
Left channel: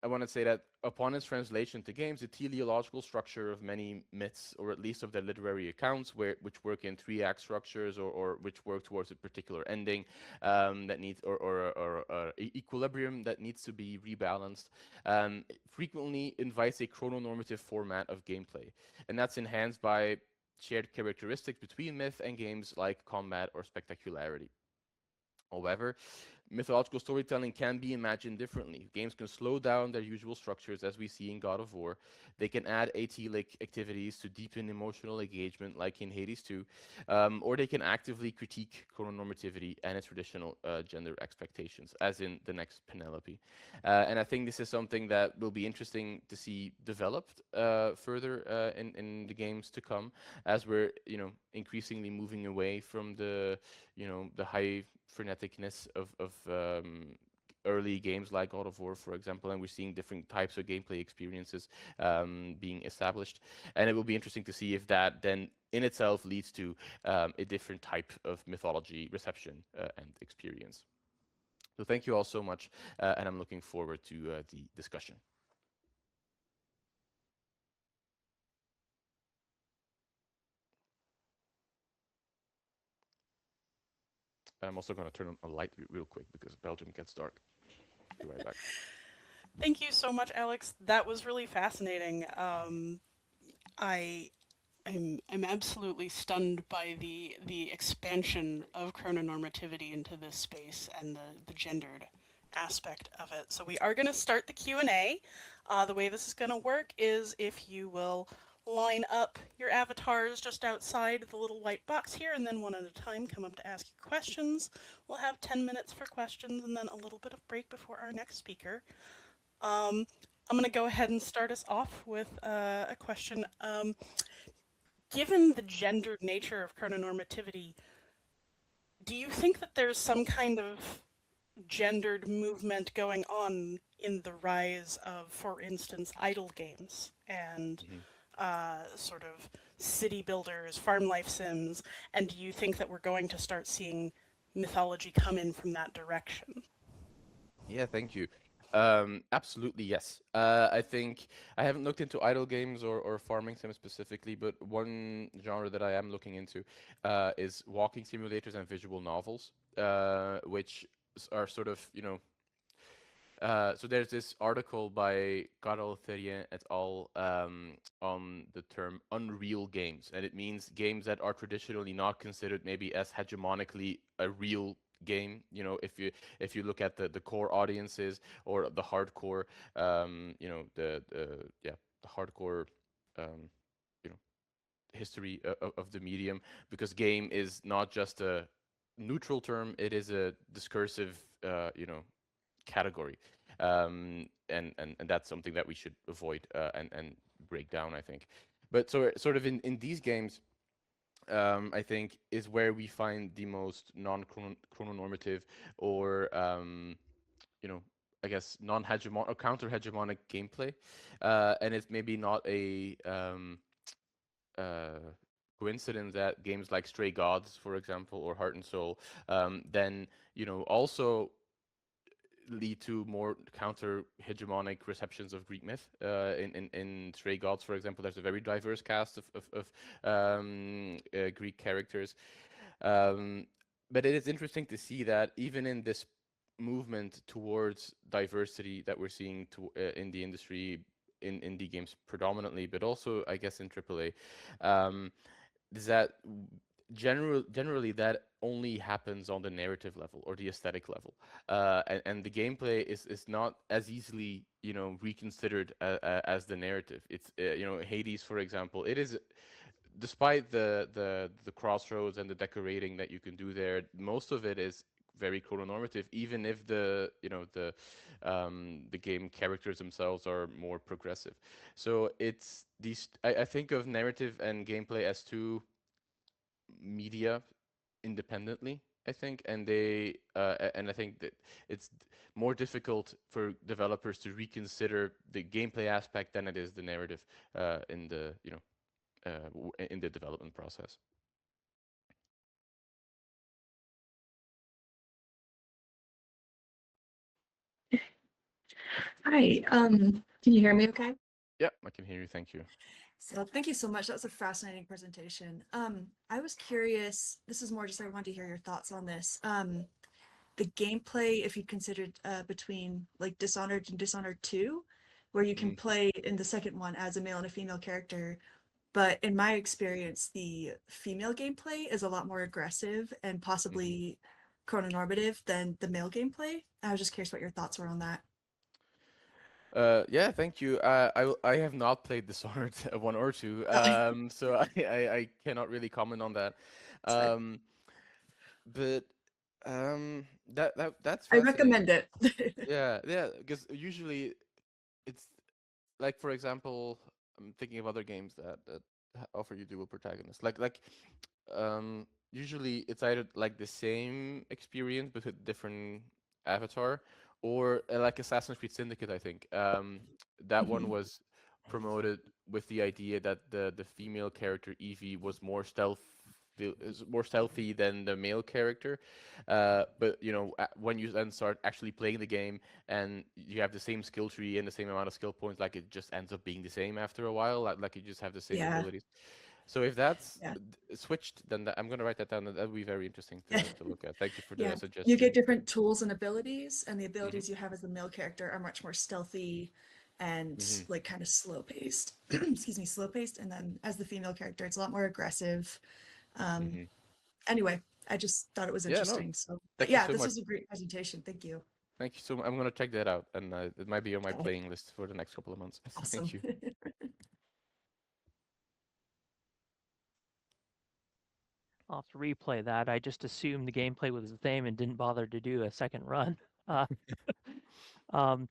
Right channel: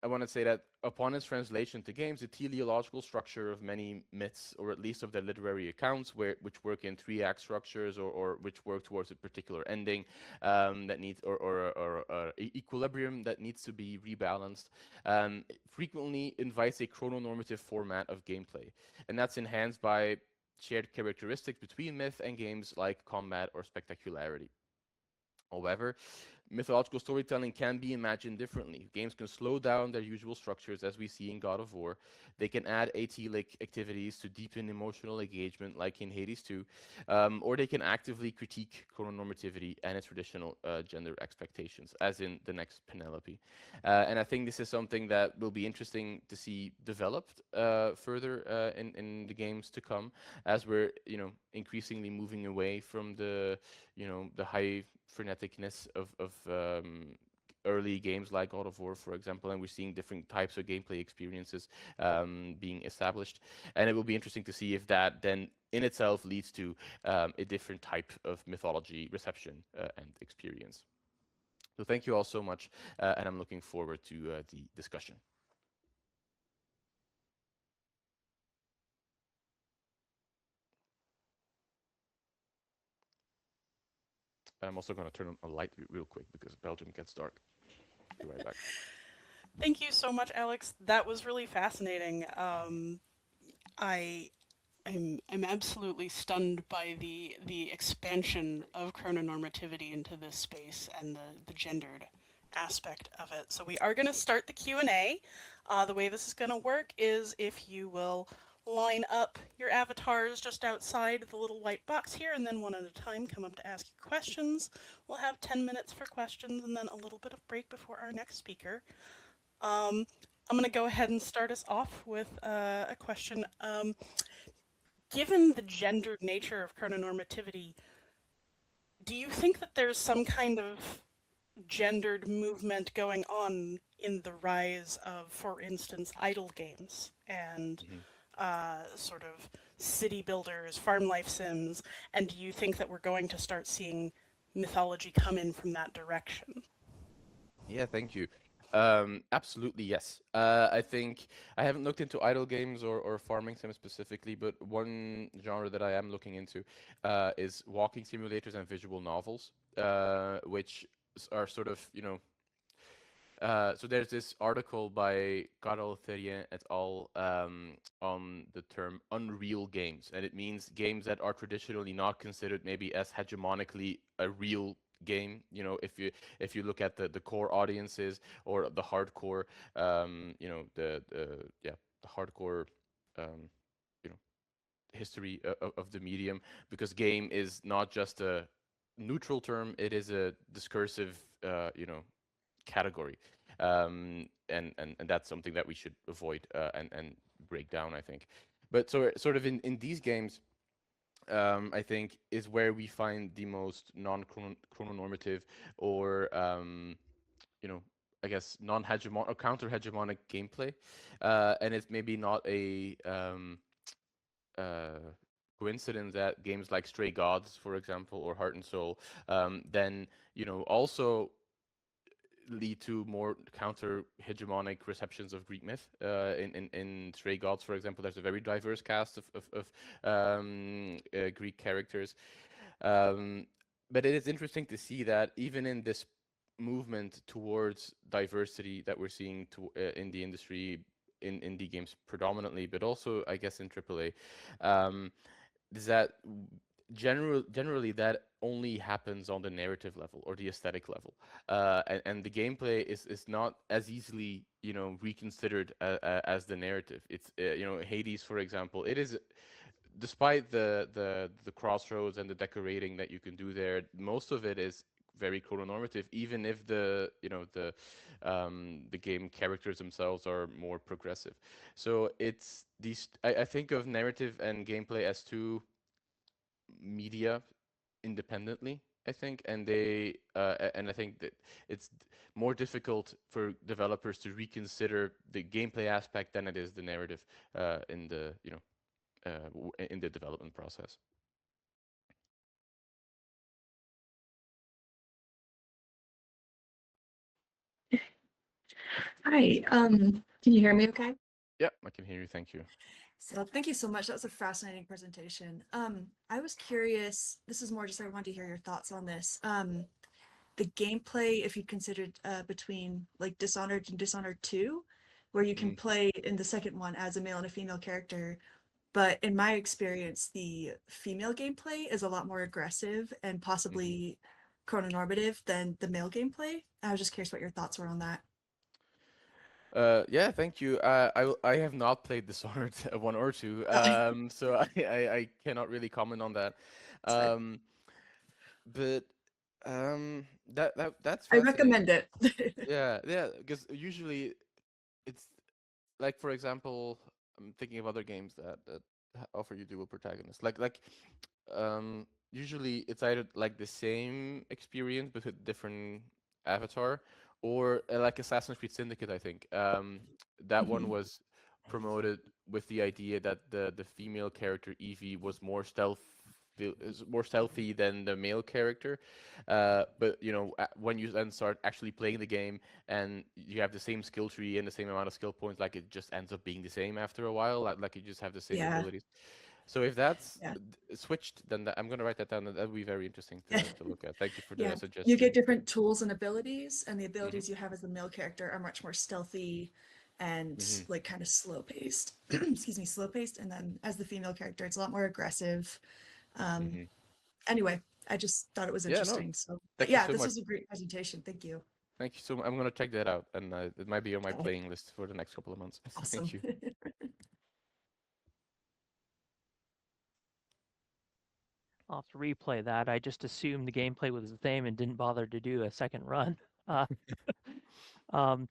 want to say that upon its translation to games, the teleological structure of many myths, or at least of their literary accounts, which work in three-act structures, or which work towards a particular ending that needs, or equilibrium that needs to be rebalanced, frequently invites a chrononormative format of gameplay, and that's enhanced by shared characteristics between myth and games like combat or spectacularity. However, mythological storytelling can be imagined differently. Games can slow down their usual structures, as we see in God of War. They can add atelic activities to deepen emotional engagement, like in Hades 2, or they can actively critique chrononormativity and its traditional gender expectations, as in the Next Penelope. And I think this is something that will be interesting to see developed further in the games to come, as we're increasingly moving away from the high freneticness of early games like God of War, for example, and we're seeing different types of gameplay experiences being established. And it will be interesting to see if that then in itself leads to a different type of mythology reception and experience. So thank you all so much, and I'm looking forward to the discussion. I'm also going to turn on a light real quick because Belgium gets dark. Be right back. Thank you so much, Alex. That was really fascinating. I'm absolutely stunned by the expansion of chrononormativity into this space and the gendered aspect of it. So we are going to start the Q&A. The way this is going to work is if you will line up your avatars just outside the little white box here, and then one at a time come up to ask you questions. We'll have 10 minutes for questions and then a little bit of break before our next speaker. I'm going to go ahead and start us off with a question. Given the gendered nature of chrononormativity, do you think that there's some kind of gendered movement going on in the rise of, for instance, idle games and sort of city builders, farm life sims? And do you think that we're going to start seeing mythology come in from that direction? Yeah, thank you. Absolutely, yes. I think I haven't looked into idle games or farming sims specifically, but one genre that I am looking into is walking simulators and visual novels, which are sort of, so there's this article by Carol Ferrier et al. On the term unreal games, and it means games that are traditionally not considered maybe as hegemonically a real game. If you look at the core audiences or the hardcore, the hardcore, um, you know, history of the medium, because game is not just a neutral term; it is a discursive, category, and that's something that we should avoid and break down, I think. But so sort of in these games, I think is where we find the most non-chrononormative or you know I guess non-hegemonic or counter-hegemonic gameplay, and it's maybe not a uh, coincidence that games like Stray Gods, for example, or Heart and Soul, then also lead to more counter hegemonic receptions of Greek myth. In Stray Gods, for example, there's a very diverse cast of Greek characters. But it is interesting to see that even in this movement towards diversity that we're seeing in the industry, in indie games predominantly, but also I guess in AAA, is that generally that only happens on the narrative level or the aesthetic level, and the gameplay is not as easily reconsidered as the narrative. It's Hades, for example. It is, despite the crossroads and the decorating that you can do there, most of it is very chrononormative, even if the game characters themselves are more progressive. So it's these. I think of narrative and gameplay as two media independently, I think, and I think that it's more difficult for developers to reconsider the gameplay aspect than it is the narrative in the in the development process. Hi, can you hear me okay? Yeah, I can hear you. Thank you. So thank you so much. That was a fascinating presentation. I was curious, this is more just I wanted to hear your thoughts on this. The gameplay, if you considered between like Dishonored and Dishonored 2, where you can play in the second one as a male and a female character. But in my experience, the female gameplay is a lot more aggressive and possibly chrononormative than the male gameplay. I was just curious what your thoughts were on that. Yeah, thank you. I have not played Dishonored 1 or 2, so I cannot really comment on that. But that's I fascinating. recommend it. Yeah, because usually it's like, for example, I'm thinking of other games that offer you dual protagonists. Usually it's either like the same experience but with different avatar, or like Assassin's Creed Syndicate. I think that one was promoted with the idea that the female character Evie was more stealthy than the male character. But when you then start actually playing the game and you have the same skill tree and the same amount of skill points, like it just ends up being the same after a while. Like you just have the same Yeah. abilities. So if that's Yeah. switched, then I'm going to write that down. That would be very interesting to look at. Thank you for Yeah, the suggestion. you get different tools and abilities, and the abilities you have as a male character are much more stealthy and like kind of slow paced. Excuse me, slow paced. And then as the female character, it's a lot more aggressive. Anyway, I just thought it was Yeah, no, interesting. So, thank you yeah, so this much. was a great presentation. Thank you. Thank you so much. I'm going to check that out, and it might be on my Okay. playing list for the next couple of months. Awesome. Thank you. I'll have to replay that. I just assumed the gameplay was the same and didn't bother to do a second run. Um,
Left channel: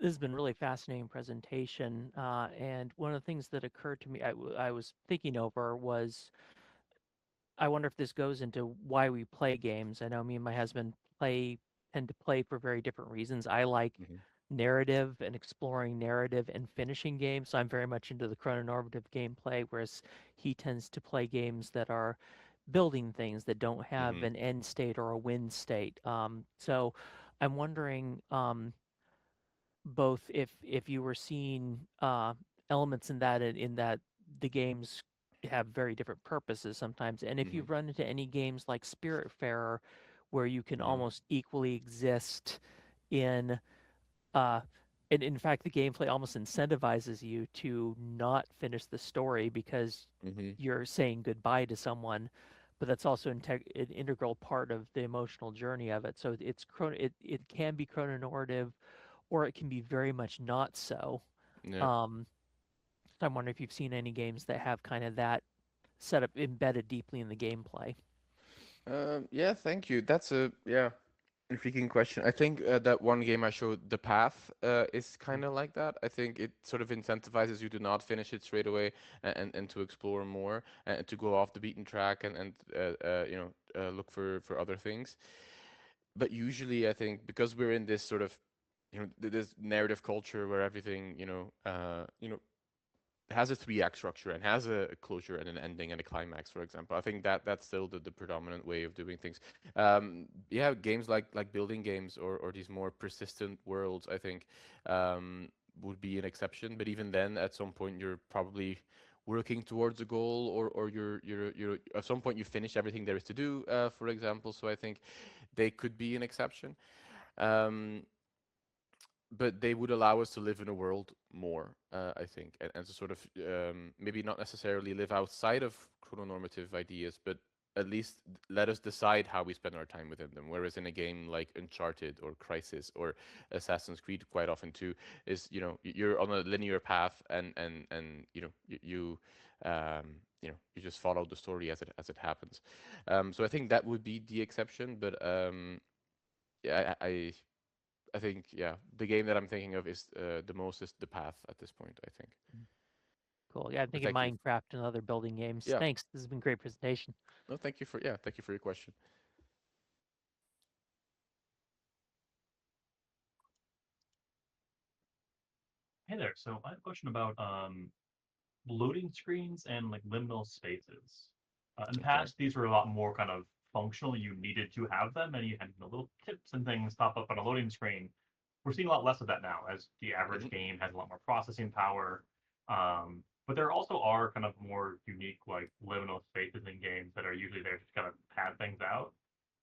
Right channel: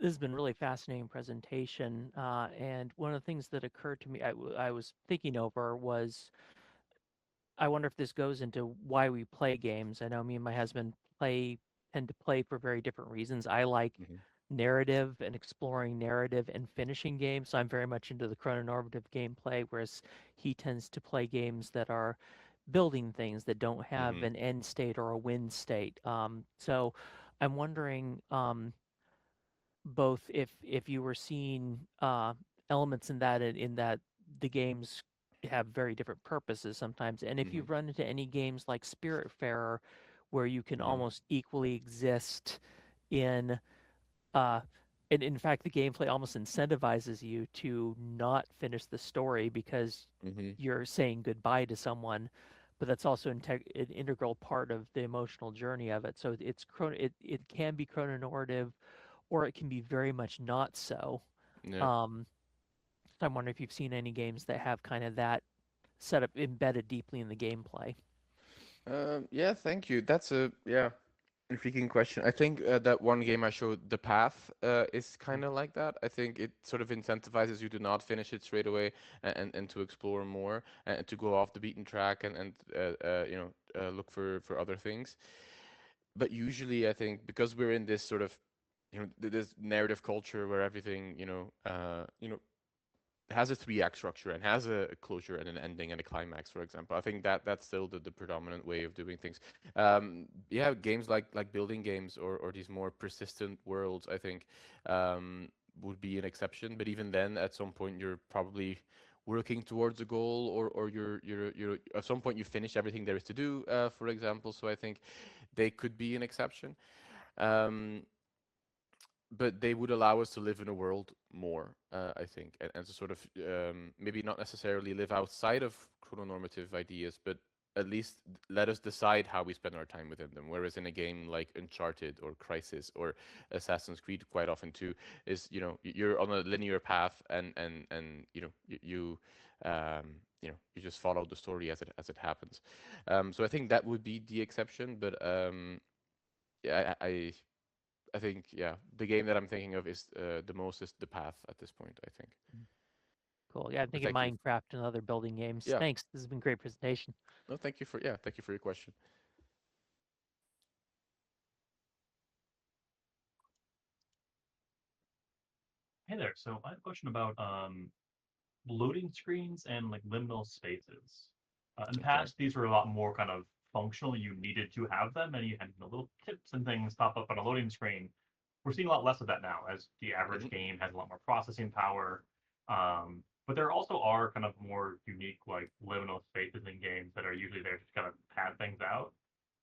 this has been really fascinating presentation, and one of the things that occurred to me, I was thinking over was, I wonder if this goes into why we play games. I know me and my husband tend to play for very different reasons. I like narrative and exploring narrative and finishing games. So I'm very much into the chrononormative gameplay, whereas he tends to play games that are building things that don't have an end state or a win state. So I'm wondering both if you were seeing elements in that the games have very different purposes sometimes, and if you've run into any games like Spiritfarer where you can almost equally exist in and in fact the gameplay almost incentivizes you to not finish the story because you're saying goodbye to someone, but that's also an integral part of the emotional journey of it. So it can be chrononormative, or it can be very much not so. Yeah. I'm wondering if you've seen any games that have kind of that setup embedded deeply in the gameplay. Yeah, thank you. That's a intriguing question. I think that one game I showed, The Path, is kind of like that. I think it sort of incentivizes you to not finish it straight away and to explore more and to go off the beaten track and look for other things. But usually, I think because we're in this sort of this narrative culture where everything has a 3-act structure and has a closure and an ending and a climax, for example. I think that's still the predominant way of doing things. Yeah, games like building games or these more persistent worlds, I think, would be an exception. But even then, at some point, you're probably working towards a goal, or you're at some point you finish everything there is to do, for example. So I think they could be an exception. But they would allow us to live in a world more, I think, and to sort of maybe not necessarily live outside of chrononormative ideas, but at least let us decide how we spend our time within them. Whereas in a game like Uncharted or Crysis or Assassin's Creed, quite often too, is you're on a linear path, and you you just follow the story as it happens. So I think that would be the exception, but yeah, I think, yeah, the game that I'm thinking of is the most is The Path at this point, I think. Cool. Yeah, I'm thinking Thank you. Minecraft and other building games. Yeah. Thanks. This has been a great presentation. No, thank you for your question. Hey there. So I have a question about loading screens and like liminal spaces. In the past, these were a lot more kind of functional. You needed to have them, and you had little tips and things pop up on a loading screen. We're seeing a lot less of that now, as the average game has a lot more processing power. But there also are kind of more unique like liminal spaces in games that are usually there to kind of pad things out.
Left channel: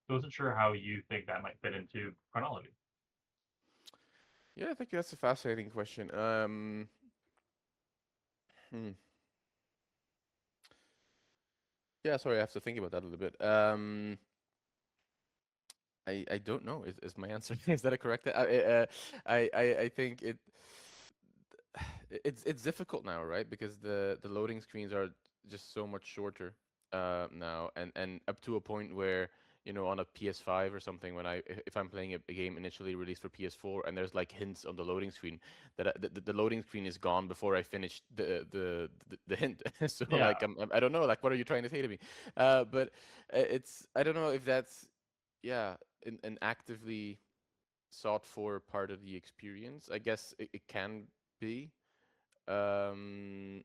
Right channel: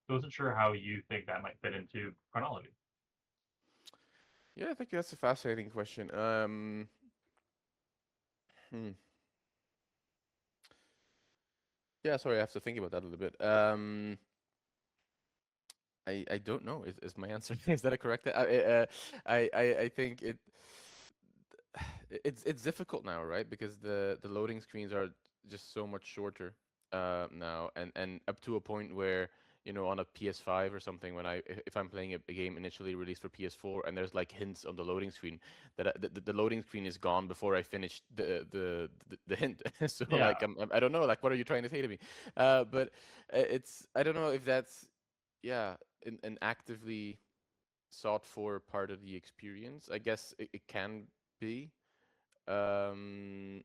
So I wasn't sure how you think that might fit into chronology. Yeah, I think that's a fascinating question. Yeah, sorry, I have to think about that a little bit. I don't know. Is my answer? Is that a correct? I think it's difficult now, right? Because the loading screens are just so much shorter now, and up to a point where on a PS5 or something, when if I'm playing a game initially released for PS4 and there's like hints on the loading screen, that the loading screen is gone before I finish the hint. So Yeah. like I don't know, like, what are you trying to say to me? But it's, I don't know if that's, yeah, an actively sought for part of the experience. I guess it can be. Um,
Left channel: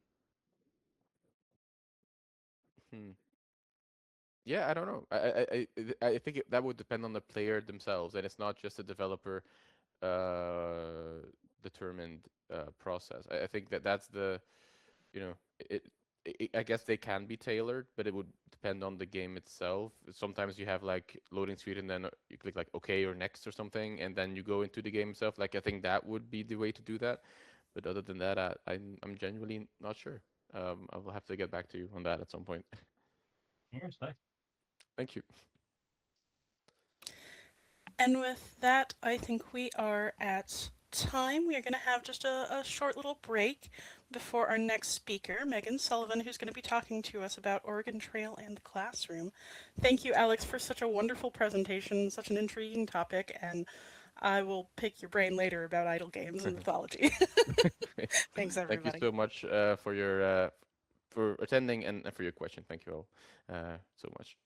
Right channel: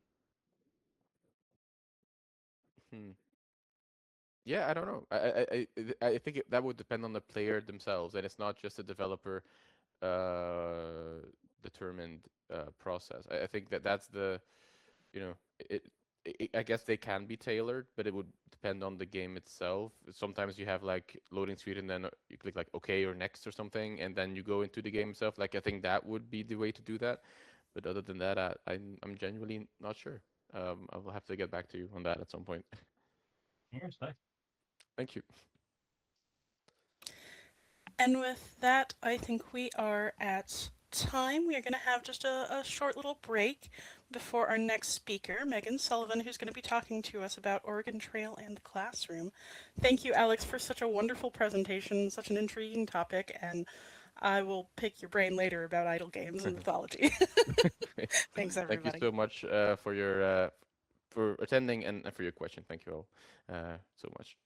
hmm. Yeah, I don't know. I think that would depend on the player themselves, and it's not just a developer determined process. I think that's the, you know, I guess they can be tailored, but it would depend on the game itself. Sometimes you have like loading screen, and then you click like OK or next or something, and then you go into the game itself. Like, I think that would be the way to do that. But other than that, I'm genuinely not sure. I will have to get back to you on that at some point. Yes, nice. Thank you. And with that, I think we are at time. We are going to have just a short little break before our next speaker, Megan Sullivan, who's going to be talking to us about Oregon Trail and the classroom. Thank you, Alex, for such a wonderful presentation, such an intriguing topic, and I will pick your brain later about idle games and mythology. Thanks, everybody. Thank you so much for attending and for your question. Thank you all so much.